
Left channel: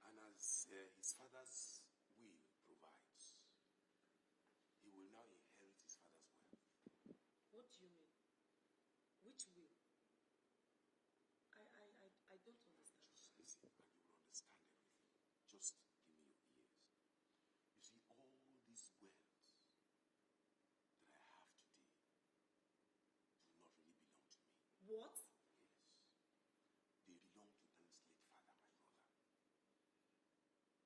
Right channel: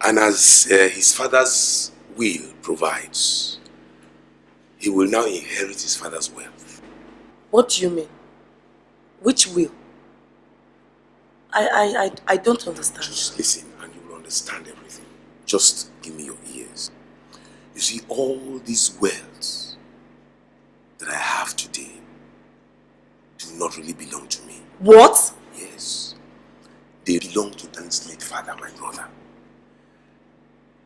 And as his father's will provides, he will now inherit his father's wealth. What do you mean? Which will? I don't understand. Just listen and you will understand everything. Just give me your ears. You see, all these wealth that I have today do not really belong to me. What? Yes. They belong to Dan's late father, my brother.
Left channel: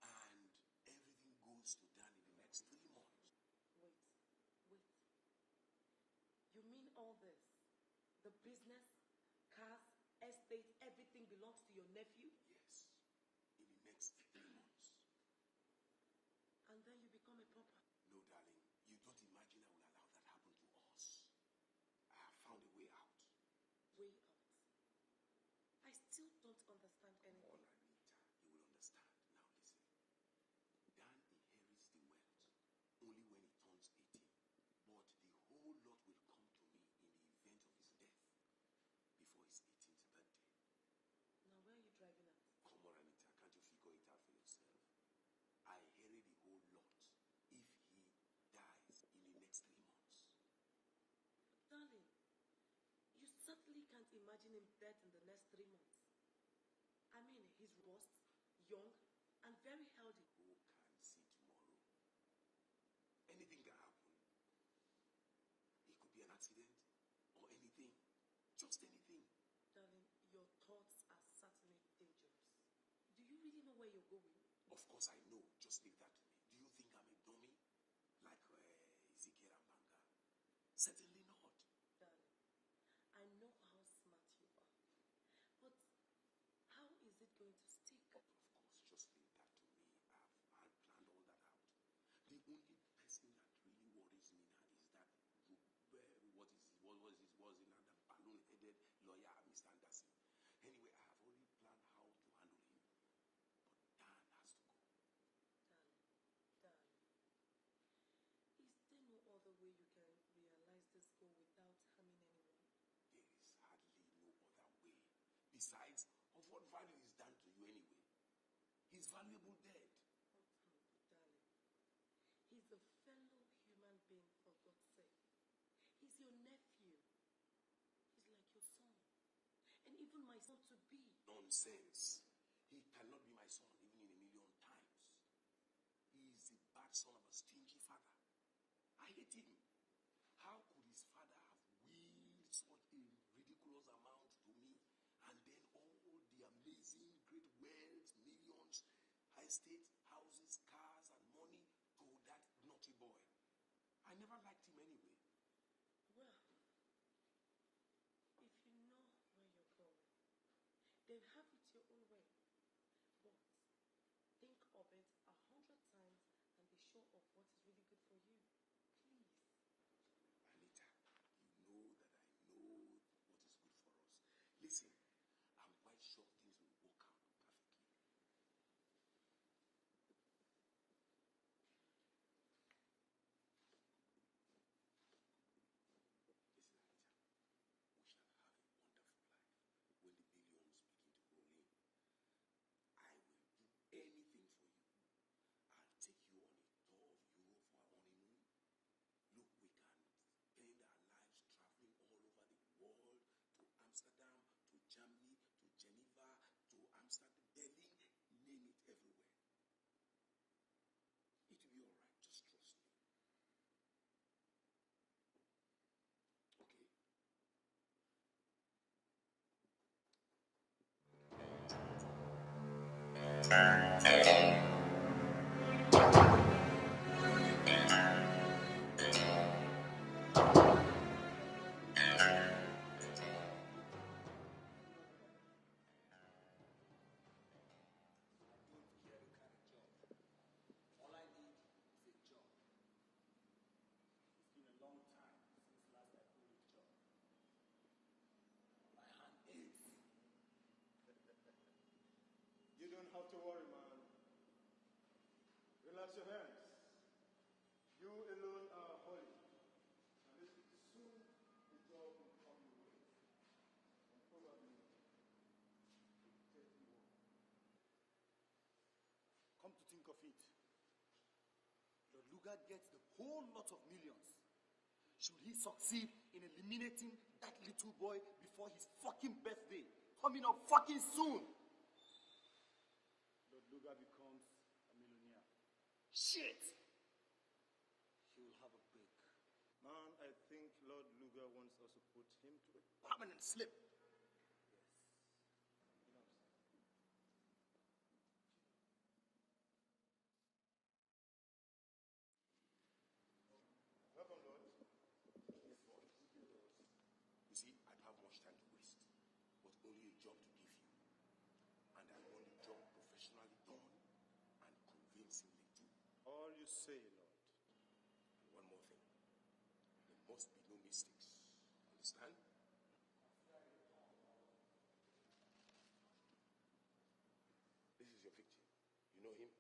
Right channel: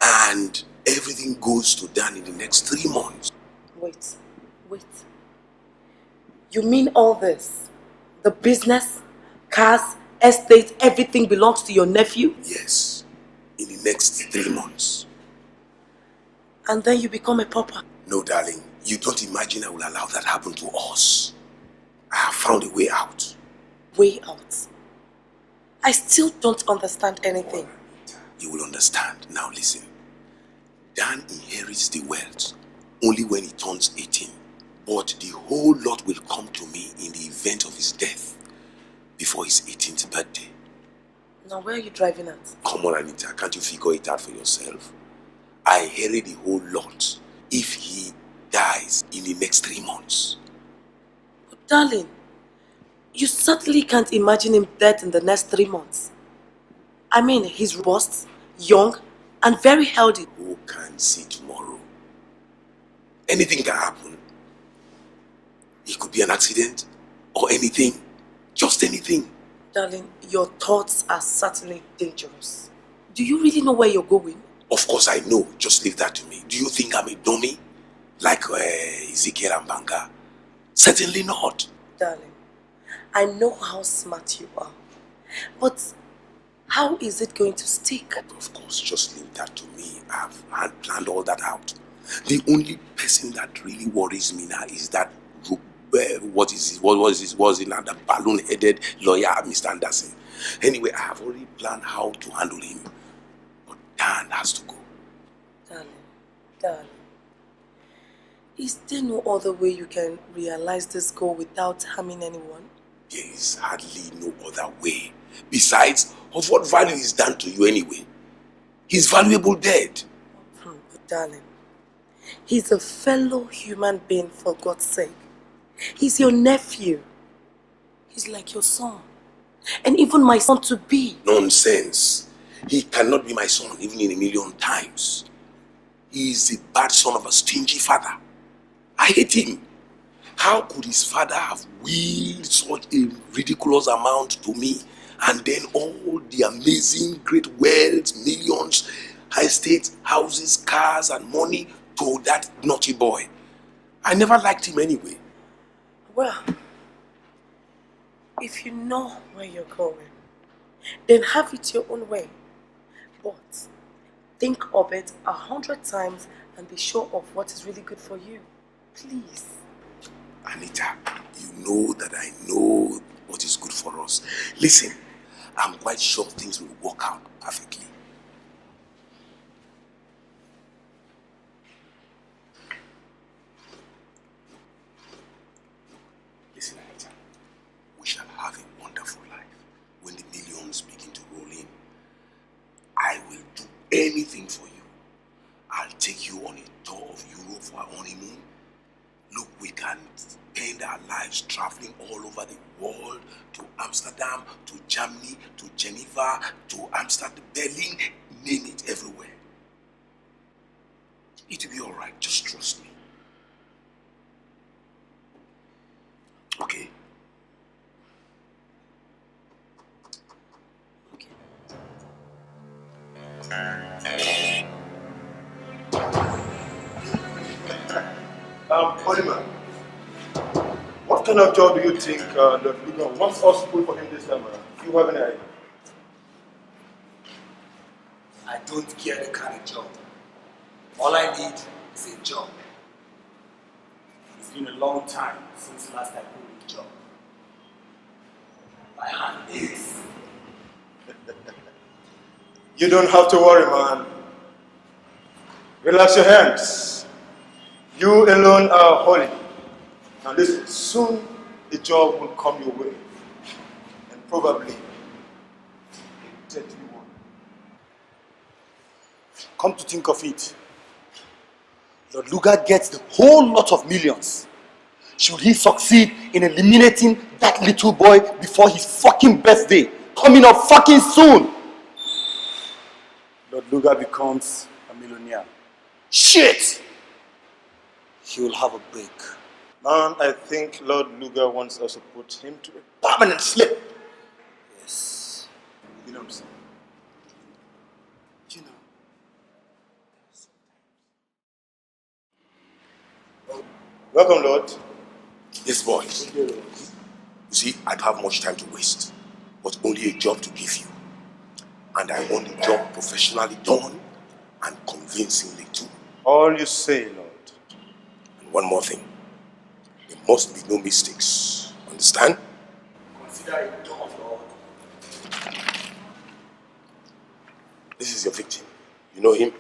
And everything goes to Dan in the next 3 months. Wait. You mean all this? The business, cars, estate, everything belongs to your nephew? Yes. In the next 3 months. And then you become a pauper? No, darling. You don't imagine I will allow that happen to us. I have found a way out. Way out? I still don't understand anything. You will understand. Now listen. Dan inherits the wealth only when he turns 18. But the whole lot will come to me in the event of his death before his 18th birthday. Now where are you driving at? Come on, Anita. Can't you figure it out for yourself? I inherit the whole lot if he dies in the next 3 months. But darling, you certainly can't imagine him dead in the next 3 months. I mean, he's robust, young, and very healthy. Who can see tomorrow? Anything can happen. It could be an accident or anything. Just anything. Darling, your thoughts are certainly dangerous. Do you really know where you're going? Of course I know. Just leave that to me. Do you think I'm a dummy? Like Ezekiel and Banga? Certainly not. Darling, I know how smart you are. But how is it going to stick? Of course, just leave that to me. I've planned all that out. The only person that really worries me now is that was the balloon-headed lawyer, Mr. Anderson. Anyway, I have already planned how to handle him. But Dan has to go. Darling, is there no other way you can realize this goal without harming anyone? There is hardly no other way. Besides, of what value is Dan to you anyway? He's valuable dead. But darling, he's a fellow human being, for God's sake. He's your nephew. He's like your son. And even my son to be. Nonsense. He cannot be my son, even in a million times. He is the bad son of a stingy father. I hate him. How could his father have willed such a ridiculous amount to me? And then all the amazing great wealth, millions, estates, houses, cars, and money to that naughty boy. I never liked him anyway. Well, if you know where you're going, then have it your own way. But think of it 100 times and be sure of what is really good for you. Please. Anita, you know that I know what is good for us. Listen, I'm quite sure things will work out perfectly. Listen, Anita, we shall have a wonderful life. When the millions begin to roll in, I will do anything for you. I'll take you on a tour of Europe for our honeymoon. Look, we can spend our lives traveling all over the world, to Amsterdam, to Germany, to Geneva, to Amsterdam, Berlin, name it, everywhere. It will be all right. Just trust me. Okay? Oliver, what kind of job do you think that Luga wants us to put for him this time around? Do you have any idea? I don't care the kind of job. All I need is a job. It's been a long time since last I put a job. My hand aches. You don't have to worry, man. Relax your hands. You alone are holy. Now listen, soon a job will come your way. And probably a deadly one. Come to think of it, Lord Luga gets the whole lot of millions. Should he succeed in eliminating that little boy before his fucking birthday, coming up fucking soon, Lord Luga becomes a millionaire. Shit! He will have a break. Man, I think Lord Luga wants us to put him to a permanent sleep. Yes. You know what I'm saying? You know. Welcome, Lord. Yes, boys. You see, I don't have much time to waste, but only a job to give you. And I want the job professionally done and convincingly too. All you say, Lord. And one more thing. There must be no mistakes. Understand? Consider it done, Lord. This is your victim. You know him?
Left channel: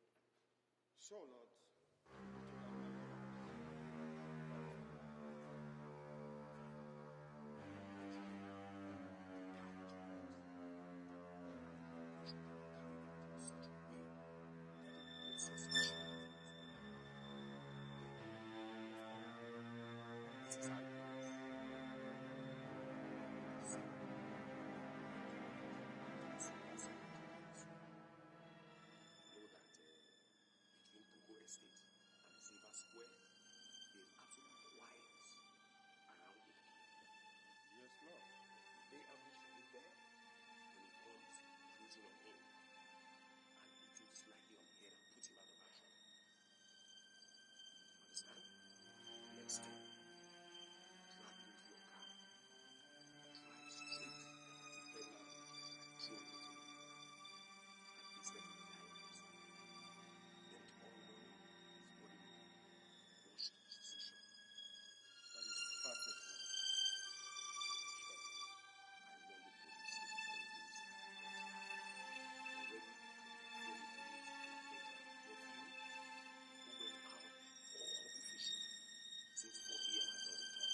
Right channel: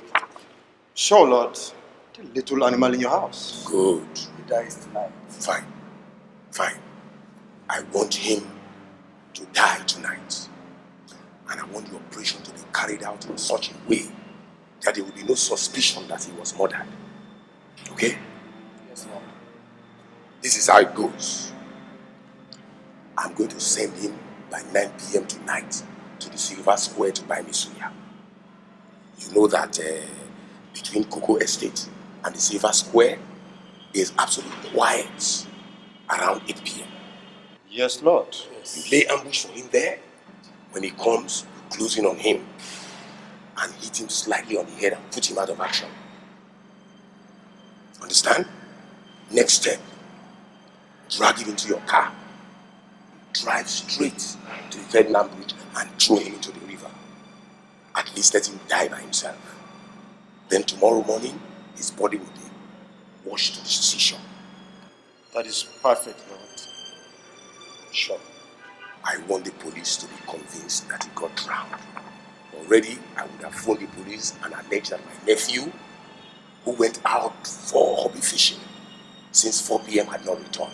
Sure, Lord. The little animal in your house. Good. He dies tonight. Fine. Fine. I want him to die tonight. And I want the operation to be carried out in such a way that there will be no suspicion that he was murdered. Okay? Yes, Lord. This is how it goes. I'm going to send him by 9 p.m. tonight to the Silver Square to buy me suya. You know that between Cocoa Estate and the Silver Square, there's absolutely quiet around 8 p.m. Yes, Lord. You lay ambush for him there. When he comes, close in on him and hit him slightly on the head and put him out of action. Understand? Next step, drag him into your car, drive straight to the Vietnam Bridge and throw him into the river. At least let him die by himself. Then tomorrow morning, his body will be washed to the seashore. That is perfect, Lord. Sure. I want the police to be convinced that he got drowned. Already, I would have phoned the police and alleged that my nephew, who went out for hobby fishing since 4 p.m. had not returned.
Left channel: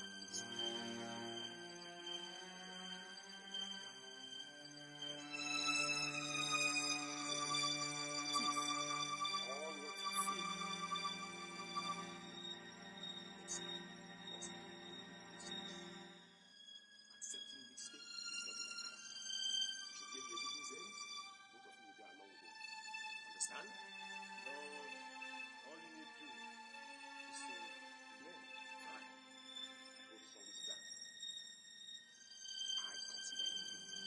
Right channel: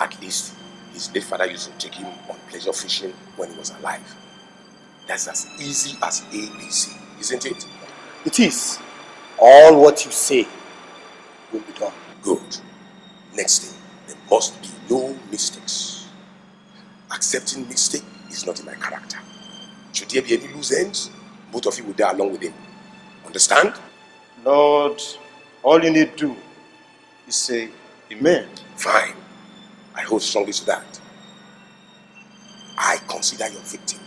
At least, his late father used to take him on pleasure fishing when he was alive. That's as easy as ABC, isn't it? It is. All what you say will be done. Good. Next thing, there must be no mistakes. Accepting mistake is not in my character. Should there be any loose ends, both of you will die along with him. Understand? Lord, all you need to do is say amen. Fine. I hold strongly to that. I consider your victim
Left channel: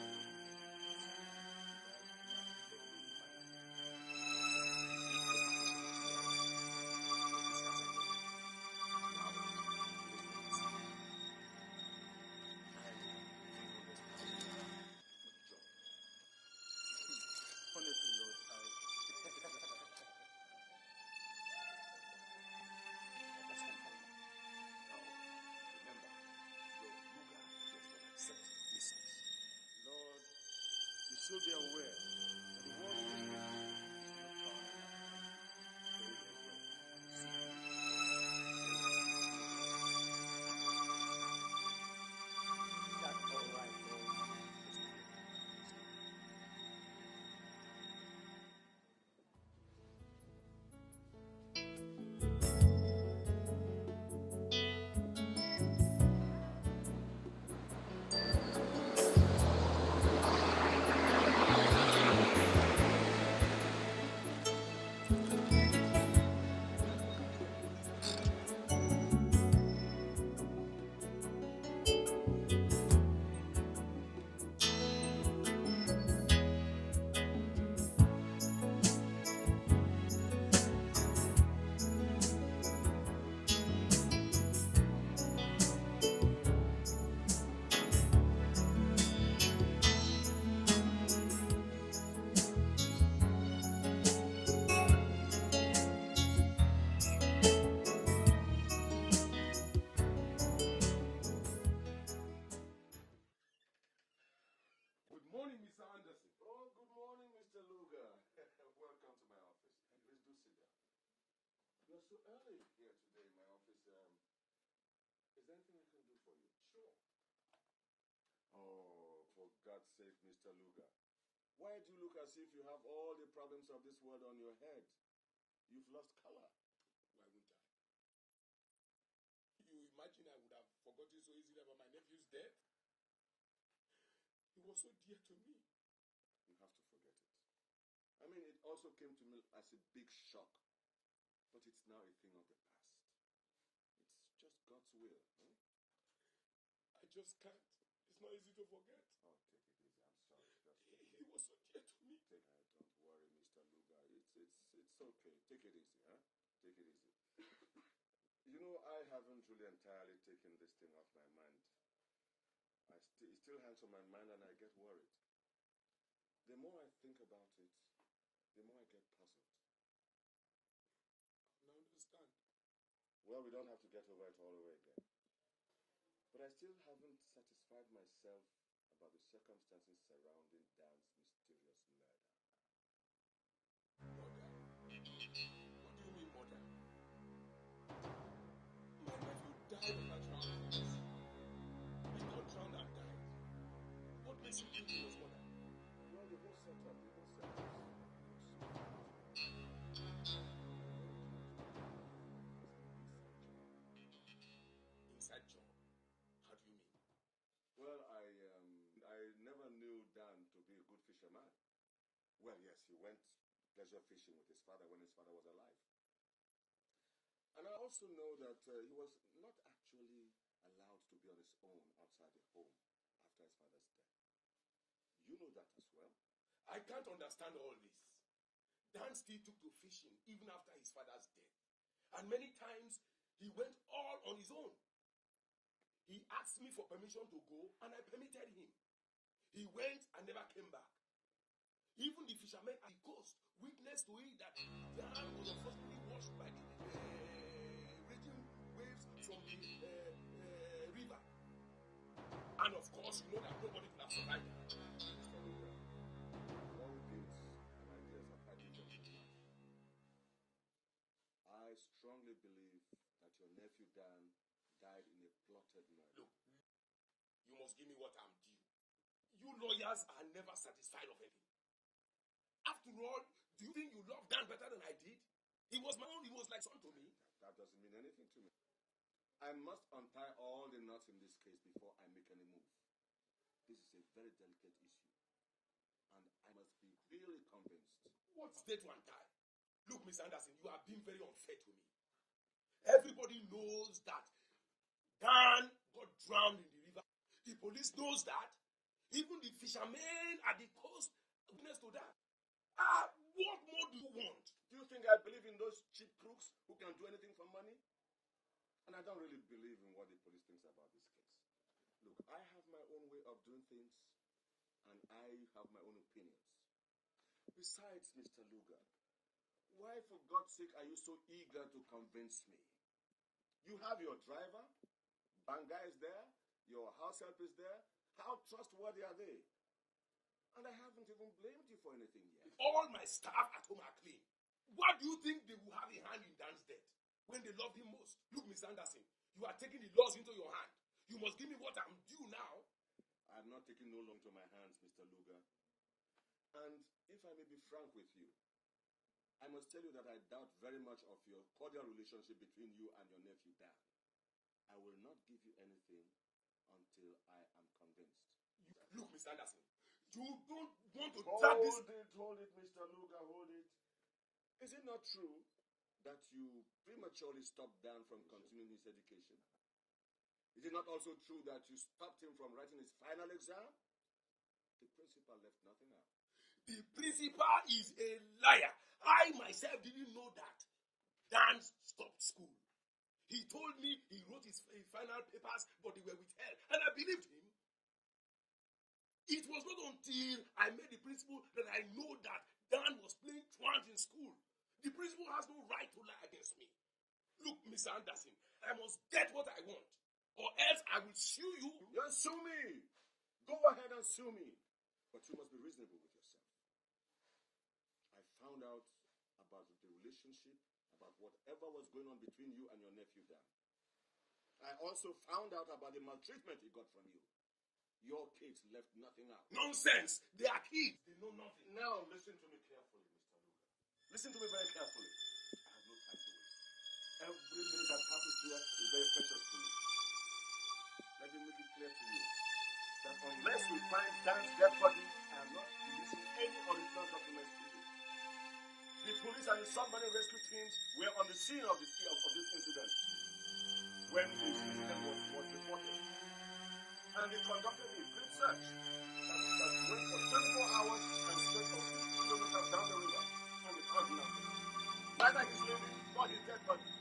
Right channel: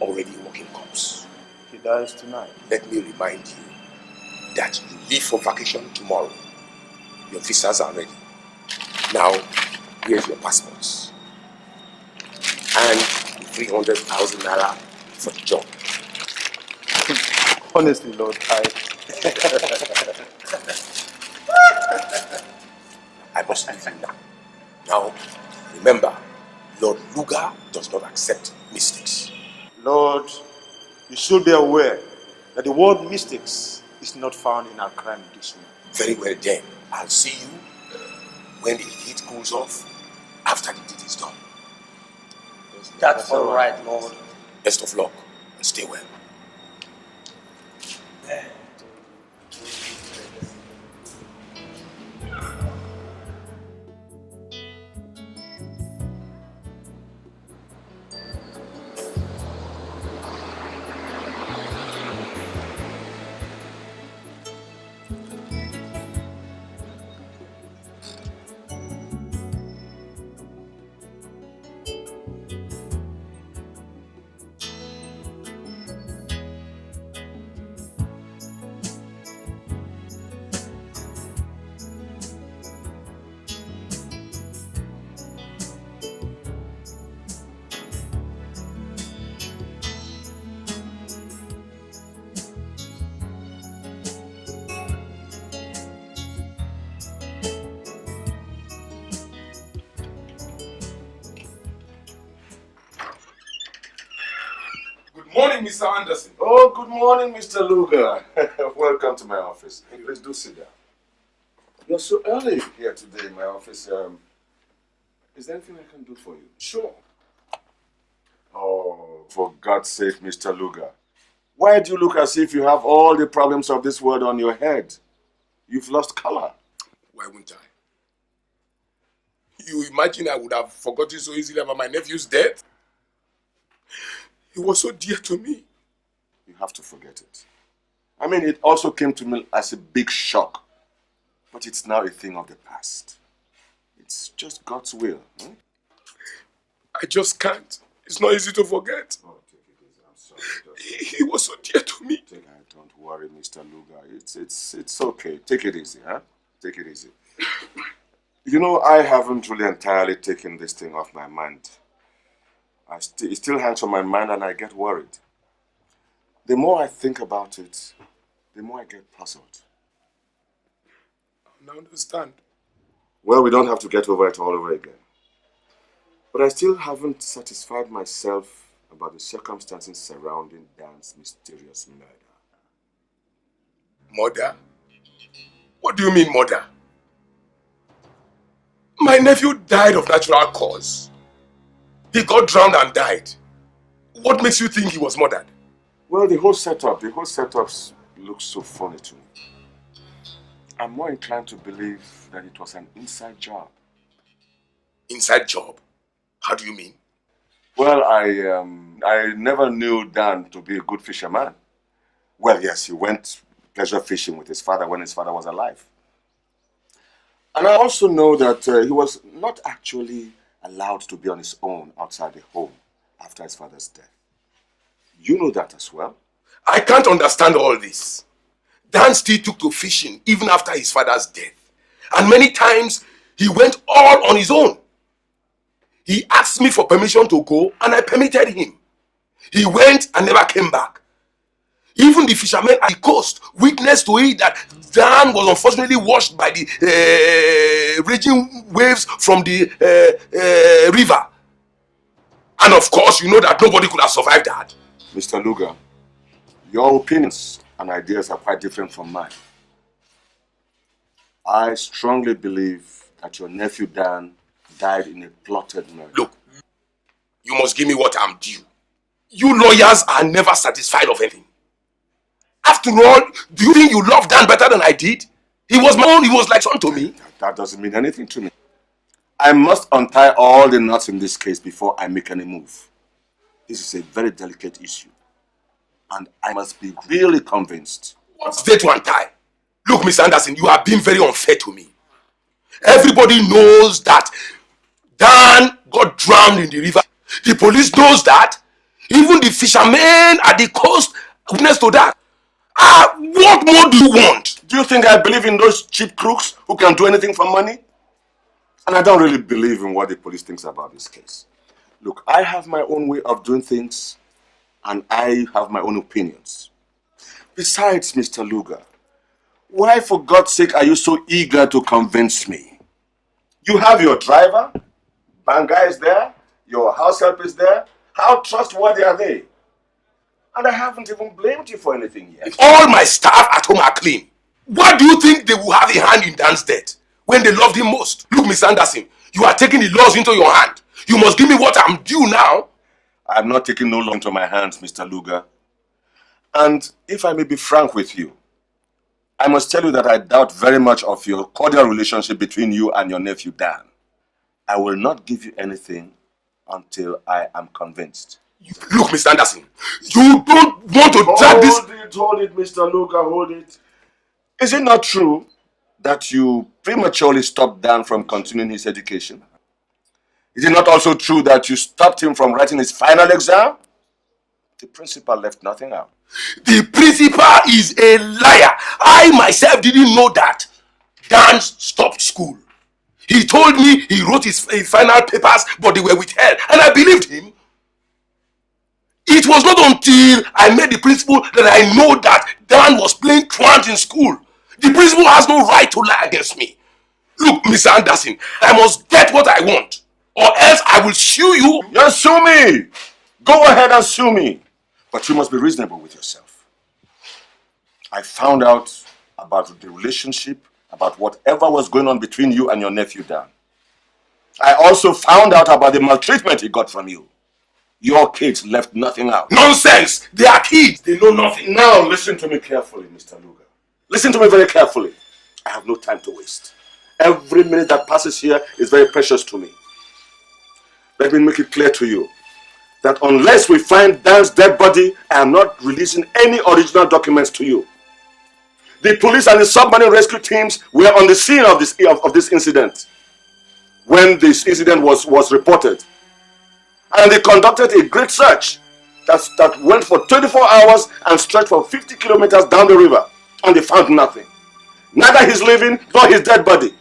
already a working corpse. He dies tonight. Let me remind you that you leave for vacation tomorrow. Your visas are ready. Now, here's your passports. And 300,000 naira for the job. Honestly, Lord, I must leave you now. Now, remember, Lord Luga does not accept mistakes. Lord, you should be aware that the word mistakes is not found in our crime dictionary. Very well then. I'll see you when the heat cools off after the deed is done. That's all right, Lord. Best of luck and stay well. morning, Mr. Anderson. Oh, good morning, Mr. Lugar. Welcome to my office. Please do sit down. You're so early here today in my office. Is there anything I can do for you? Sure. Oh, for God's sake, Mr. Lugar. Why do you look as if you have all the problems of this world on your head? You've lost color. Why wouldn't I? You imagine I would have forgotten so easily about my nephew's death? He was so dear to me. You have to forget it. I mean, it also came to me as a big shock. But it's now a thing of the past. It's just God's will. I just can't. It's not easy to forget. Oh, take it easy. I'm sorry. He was so dear to me. Don't worry, Mr. Lugar. It's okay. Take it easy, huh? Take it easy. You know, I haven't really entirely taken this thing off my mind. It still hangs on my mind and I get worried. The more I think about it, the more I get puzzled. I understand. Well, we don't have to get over it all over again. But I still haven't satisfied myself about the circumstances surrounding Dan's mysterious murder. Murder? What do you mean murder? My nephew died of natural cause. He got drowned and died. What makes you think he was murdered? Well, the whole setup looks so funny to me. I'm more inclined to believe that it was an inside job. Inside job? How do you mean? Well, I never knew Dan to be a good fisherman. Well, yes, he went pleasure fishing with his father when his father was alive. And I also know that he was not actually allowed to be on his own outside the home after his father's death. You know that as well. I can't understand all this. Dan still took to fishing even after his father's death. And many times, he went all on his own. He asked me for permission to go, and I permitted him. He went and never came back. Even the fishermen at the coast witnessed to it that Dan was unfortunately washed by the raging waves from the river. And of course, you know that nobody could have survived that. Mr. Lugar, your opinions and ideas are quite different from mine. I strongly believe that your nephew Dan died in a plotted murder. Look, you must give me what I'm due. You lawyers are never satisfied of anything. After all, do you think you love Dan better than I did? He was my own, he was like son to me. That doesn't mean anything to me. I must untie all the knots in this case before I make any move. This is a very delicate issue. And I must be really convinced. What's there to untie? Look, Mr. Anderson, you are being very unfair to me. Everybody knows that Dan got drowned in the river. The police knows that. Even the fishermen at the coast witness to that. What more do you want? Do you think I believe in those cheap crooks who can do anything for money? And I don't really believe in what the police thinks about this case. Look, I have my own way of doing things, and I have my own opinions. Besides, Mr. Lugar, why for God's sake are you so eager to convince me? You have your driver, Banga is there, your house help is there. How trustworthy are they? And I haven't even blamed you for anything yet. All my staff at home are clean. Why do you think they will have a hand in Dan's death when they loved him most? Look, Mr. Anderson, you are taking the laws into your hand. You must give me what I'm due now. I'm not taking no law into my hands, Mr. Lugar. And if I may be frank with you, I must tell you that I doubt very much of your cordial relationship between you and your nephew Dan. I will not give you anything until I am convinced. Look, Mr. Anderson, you don't want to drag this... Hold it, Mr. Lugar, hold it. Is it not true that you prematurely stopped Dan from continuing his education? Is it not also true that you stopped him from writing his final exam? The principal left nothing out. The principal is a liar. I myself didn't know that. Dan stopped school. He told me he wrote his final papers, but they were withheld, and I believed him. It was not until I met the principal that I know that Dan was playing truant in school. The principal has no right to lie against me. Look, Mr. Anderson, I must get what I want, or else I will sue you. Just sue me. Go ahead and sue me. But you must be reasonable with yourself. I found out about the relationship, about whatever was going on between you and your nephew Dan. I also found out about the maltreatment he got from you. Your kids left nothing out. Nonsense! They are kids. They know nothing. Now listen to me carefully, Mr. Luga. Listen to me very carefully. I have no time to waste. Every minute that passes here is very precious to me. Let me make it clear to you that unless we find Dan's dead body, I am not releasing any original documents to you. The police and the submarine rescue teams were on the scene of this incident when this incident was reported. And they conducted a great search that went for 24 hours and stretched for 50 kilometers down the river. And they found nothing. Neither his living nor his dead body.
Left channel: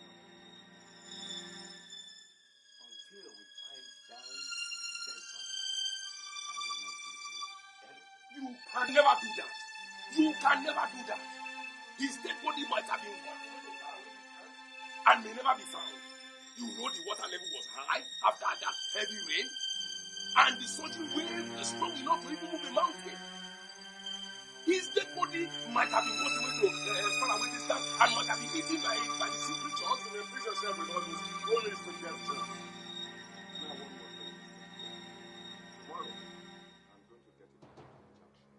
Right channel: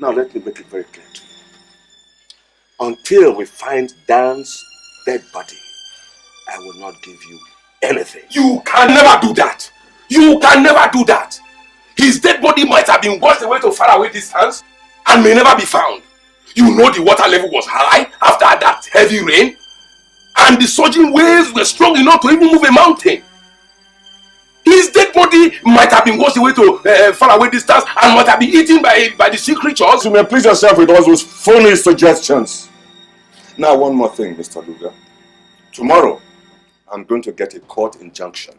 Now let me make it very clear to you. Until we find Dan's dead body, I will not give you anything. You can never do that. You can never do that. His dead body might have been washed away to faraway distance and may never be found. You know the water level was high after that heavy rain, and the surging waves were strong enough to even move a mountain. His dead body might have been washed away to faraway distance and might have been eaten by the sea creatures. You may please yourself with all those foolish suggestions. Now one more thing, Mr. Luga. Tomorrow, I'm going to get a court injunction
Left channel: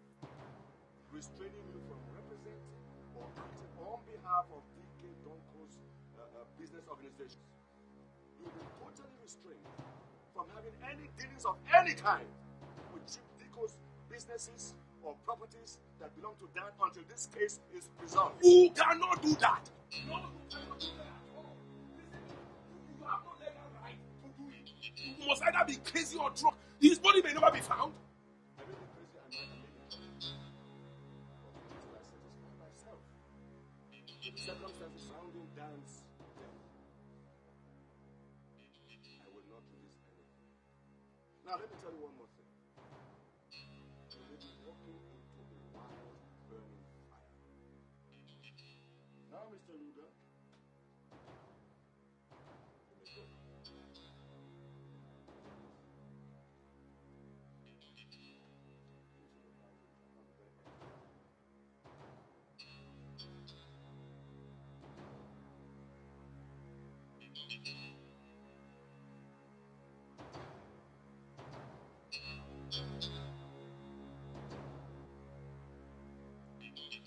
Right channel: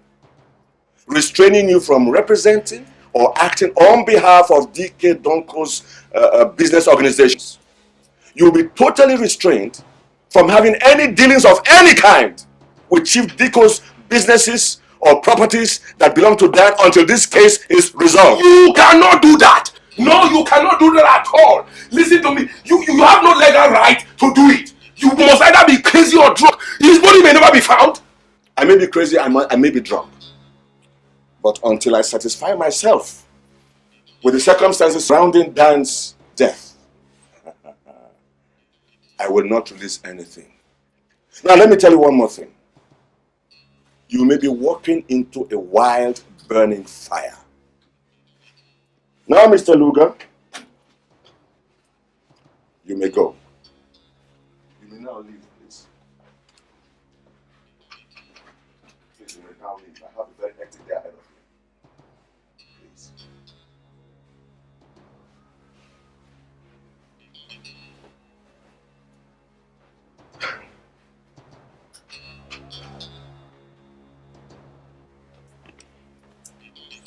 restraining you from representing or acting on behalf of DK Donko's business organizations. You'll be totally restrained from having any dealings of any kind with Chief Diko's businesses or properties that belong to Dan until this case is resolved. You cannot do that. No, you cannot do that at all. Listen to me. You have no legal right to do it. You must either be crazy or drunk. His body may never be found. I may be crazy, I may be drunk. But until I satisfy myself with the circumstances surrounding Dan's death, I will not release anything. Now let me tell you one more thing. You may be walking into a wild, burning fire. Now, Mr. Luga, you may go. You may now leave, please. Please, you may now leave. I have a very hectic day ahead of me. Please.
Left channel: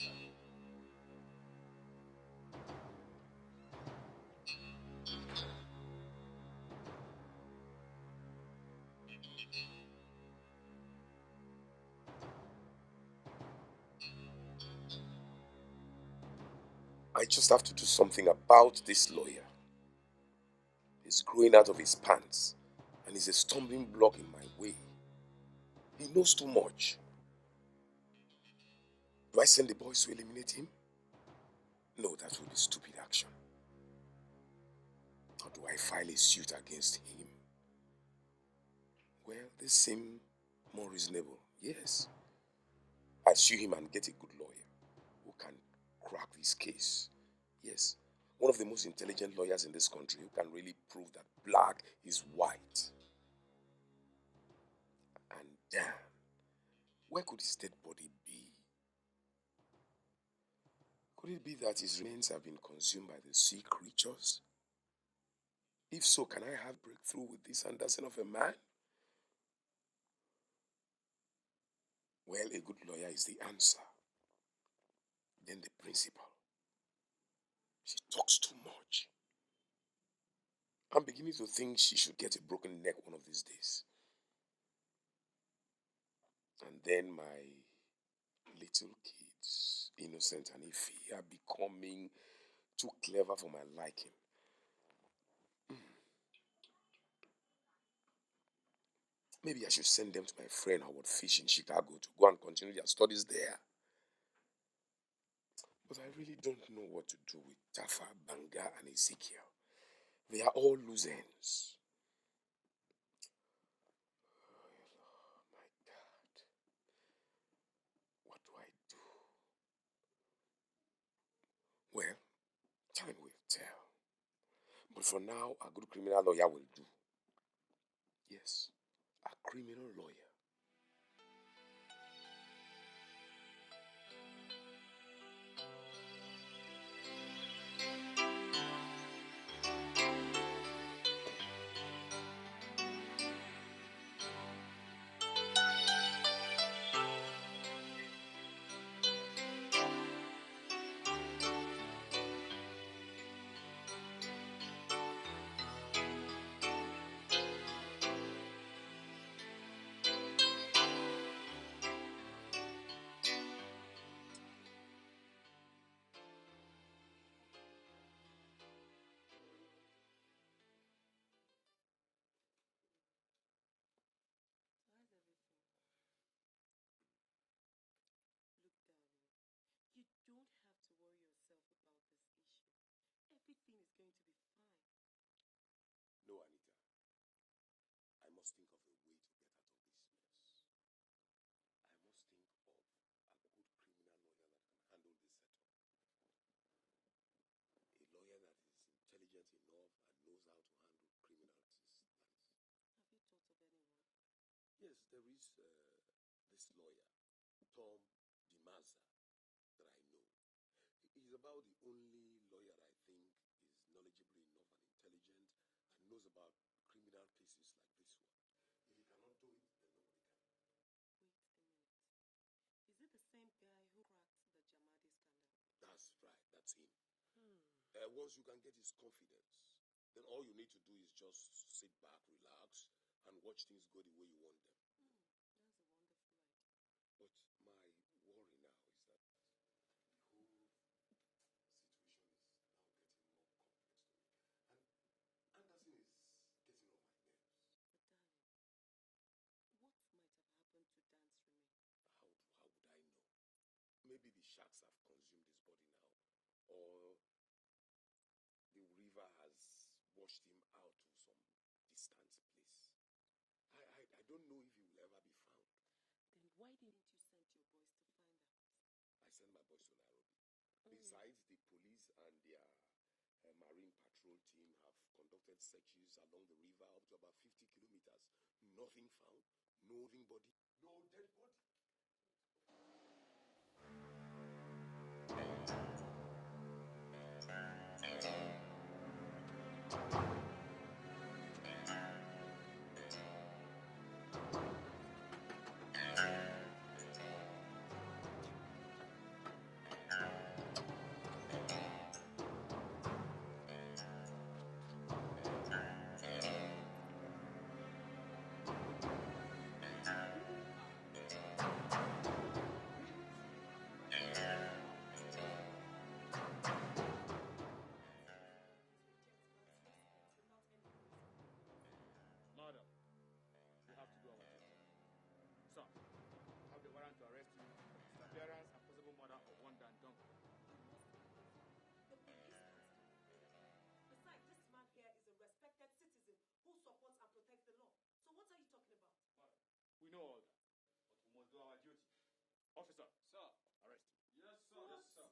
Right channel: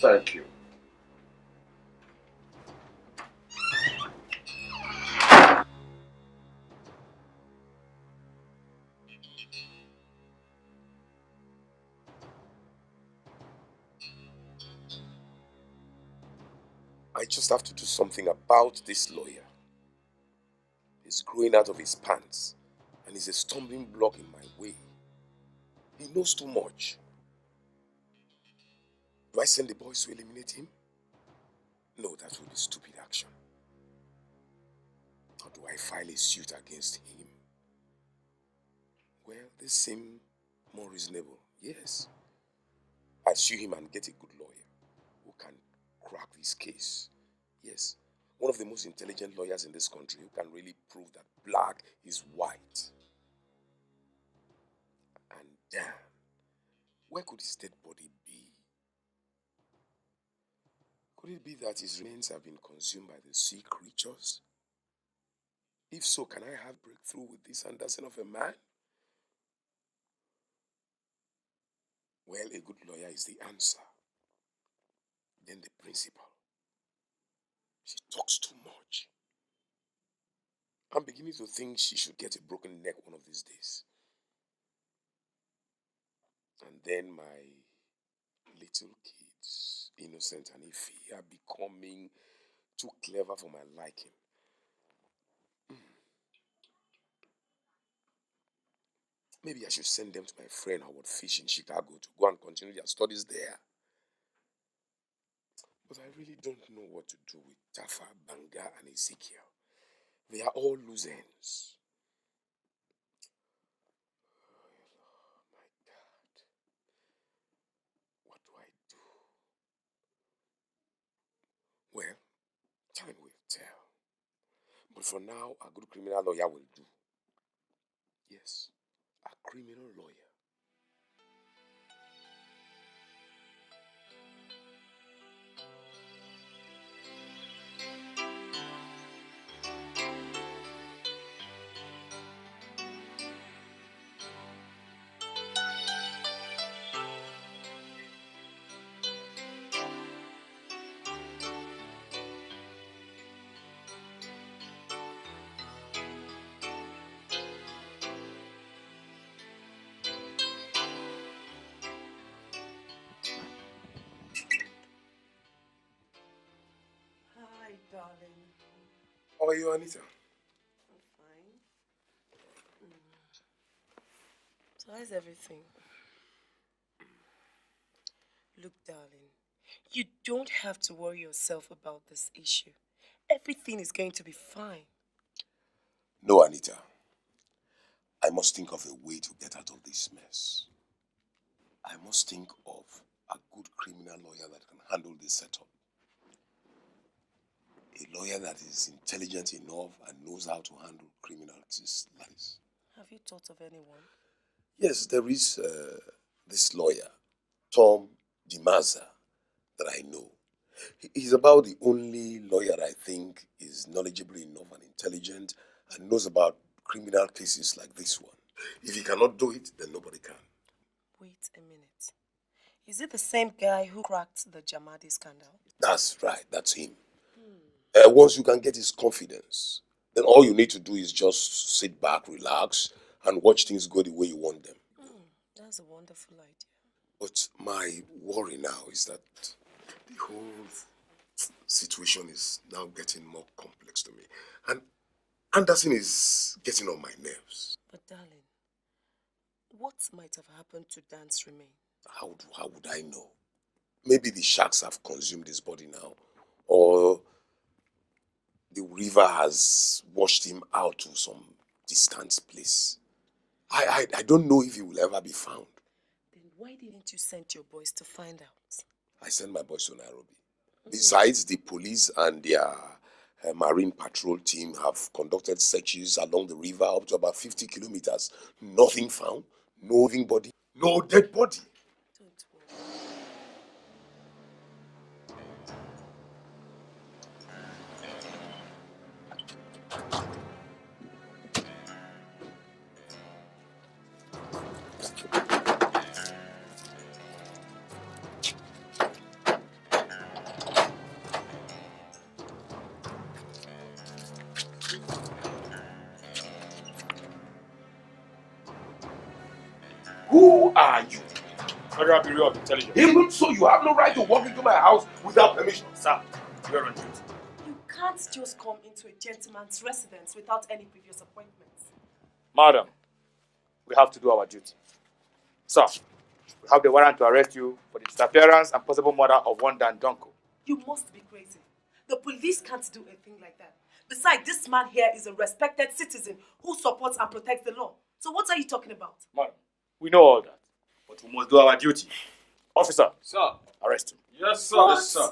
Thank you. I just have to do something about this lawyer. He's growing out of his pants and he's a stumbling block in my way. He knows too much. Do I send the boys to eliminate him? No, that would be stupid action. Or do I file a suit against him? Well, they seem more reasonable. Yes. I'll sue him and get a good lawyer who can crack this case. Yes. One of the most intelligent lawyers in this country who can really prove that black is white. And damn, where could his dead body be? Could it be that his remains have been consumed by the sea creatures? If so, can I have breakthrough with this Anderson of a man? Well, a good lawyer is the answer. Then the principal. She talks too much. I'm beginning to think she should get a broken neck one of these days. And then my little kids, Innocent and Ify, are becoming too clever for my liking. Maybe I should send them to my friend Howard Fish in Chicago to go and continue their studies there. But I really don't know what to do with Tafa, Banga, and Ezekiel. They are all loose ends. Oh my God. What do I do? Well, time will tell. But for now, a good criminal lawyer will do. Yes, a criminal lawyer. How are you, Anita? So how's everything? Look, darling, you don't have to worry yourself about this issue. Everything is going to be fine. No, Anita. I must think of a way to get out of this mess. I must think of a good criminal lawyer that can handle this setup. A lawyer that is intelligent enough and knows how to handle criminal cases. Have you thought of anyone? Yes, there is this lawyer, Tom DiMazza, that I know. He's about the only lawyer I think is knowledgeable enough and intelligent and knows about criminal cases like this one. If he cannot do it, then nobody can. Wait a minute. Is it the same guy who cracked the Jamadi scandal? That's right, that's him. Once you can get his confidence, then all you need to do is just sit back, relax, and watch things go the way you want them. That's a wonderful idea. But my worry now is that the whole situation is now getting more complex to me. And Anderson is getting on my nerves. But darling, what might have happened to Dan's remain? How would I know? Maybe the sharks have consumed his body now. Or the river has washed him out to some distant place. I don't know if he will ever be found. Then why didn't you send your boys to find out? I sent my boys to Nairobi. Besides, the police and their marine patrol team have conducted searches along the river up to about 50 kilometers. Nothing found, no living body, no dead body. Who are you? Federal Bureau of Intelligence. Even so, you have no right to walk into my house without permission. Sir, you're on duty. You can't just come into a gentleman's residence without any previous appointments. Madam, we have to do our duty. Sir, we have the warrant to arrest you for the disappearance and possible murder of one Dan Donko. You must be crazy. The police can't do a thing like that. Besides, this man here is a respected citizen who supports and protects the law. So what are you talking about? Madam, we know all that, but we must do our duty. Officer, sir, arrest him. Yes, sir. What? Yes, sir.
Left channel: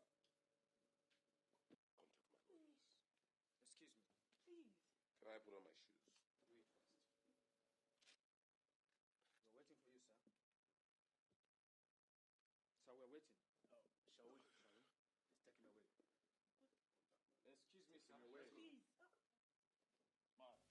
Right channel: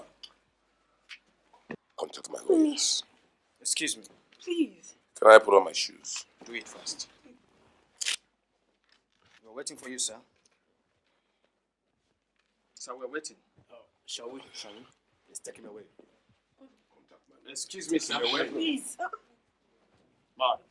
Contact my lawyers. Excuse me. Please. Can I put on my shoes? Do it first. We're waiting for you, sir. Sir, we're waiting. Shall we? Let's take him away. Excuse me, sir. Please. Madam.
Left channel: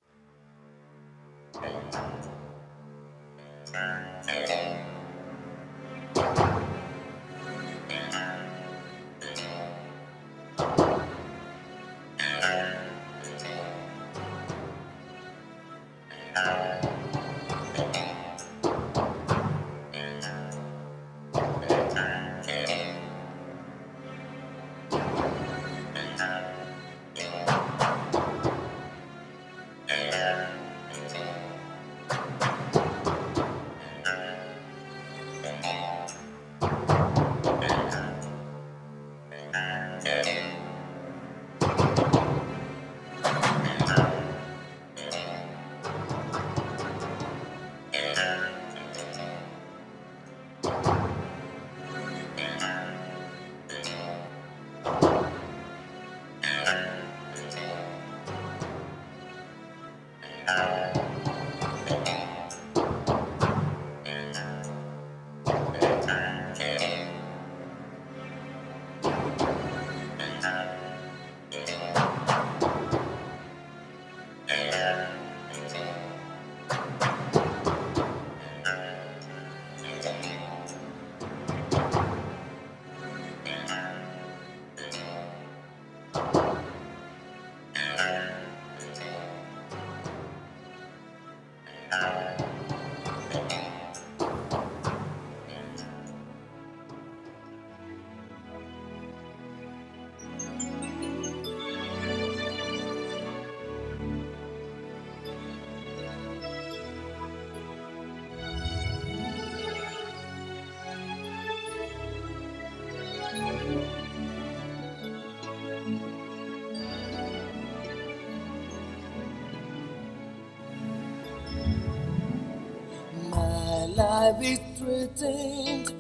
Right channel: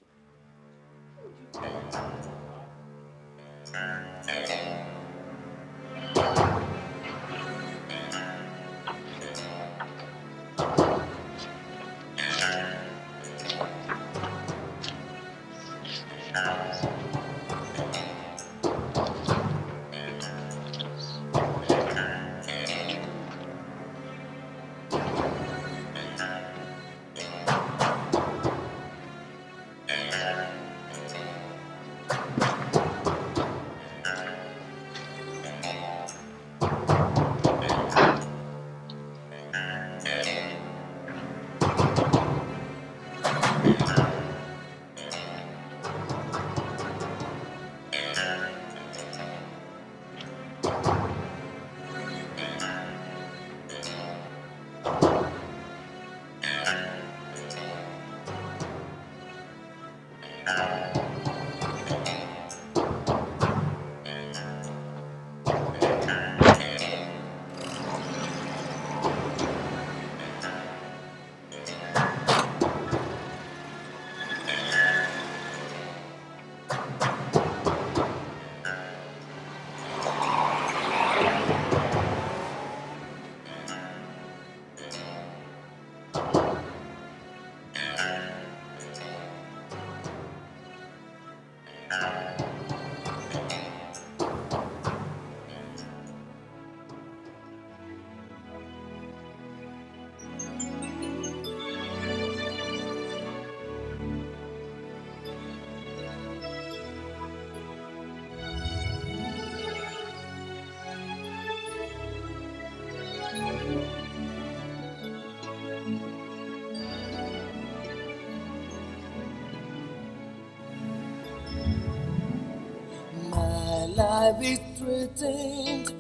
life is threatened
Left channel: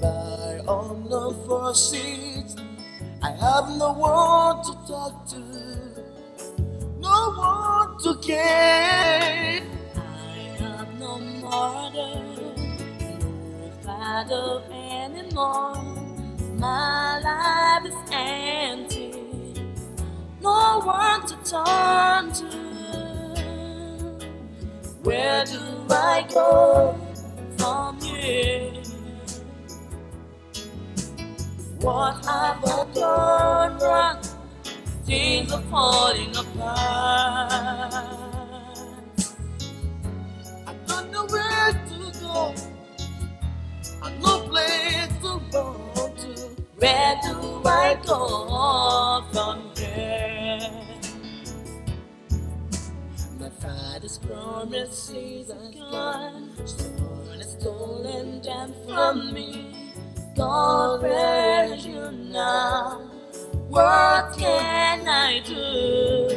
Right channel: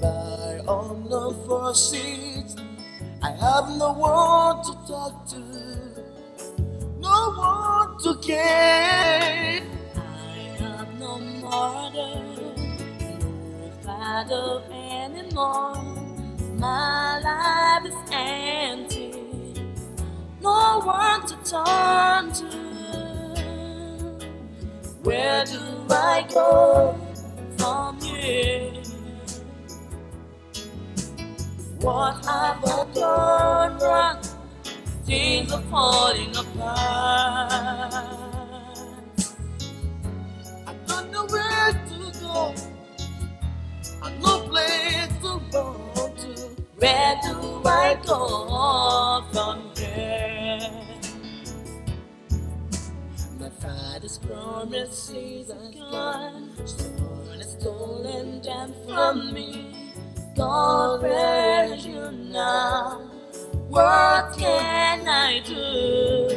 by unknown forces. I have no one to talk to, no one to care. I have no mother, no father anymore. My life is empty, no one to turn to. Where do I go from here? What have I done wrong? Things are falling apart. I don't know where to go, I've no place to go to. Where do I go from here? My father's promises are gone, someone has stolen them from me. God, where are you now? What can I do?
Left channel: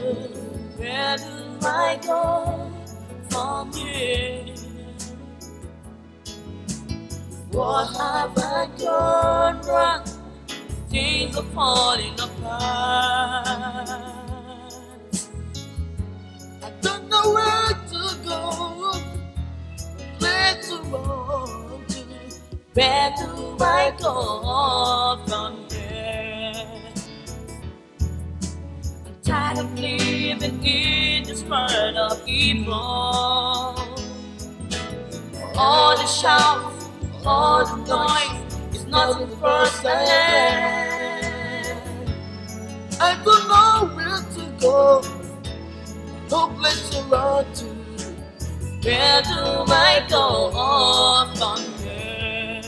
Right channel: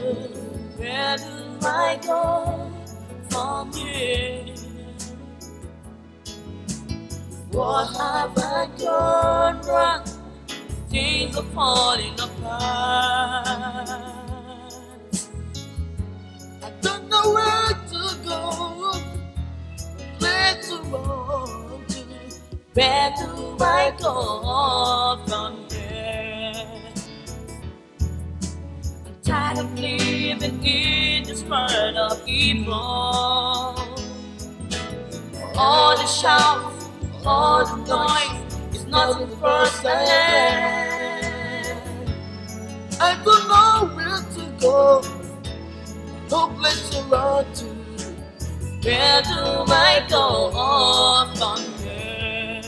Where do I go from here? What have I done wrong? Things are falling apart. I don't know where to go, where to run to. Where do I go from here? I'm tired of living in this world of evil. All the shouts, all the noise is nothing personal. I don't know where to go, no place to run to. Where do I go from here?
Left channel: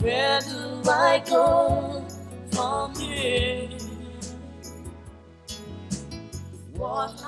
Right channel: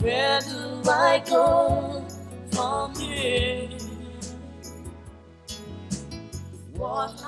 Where do I go from here? What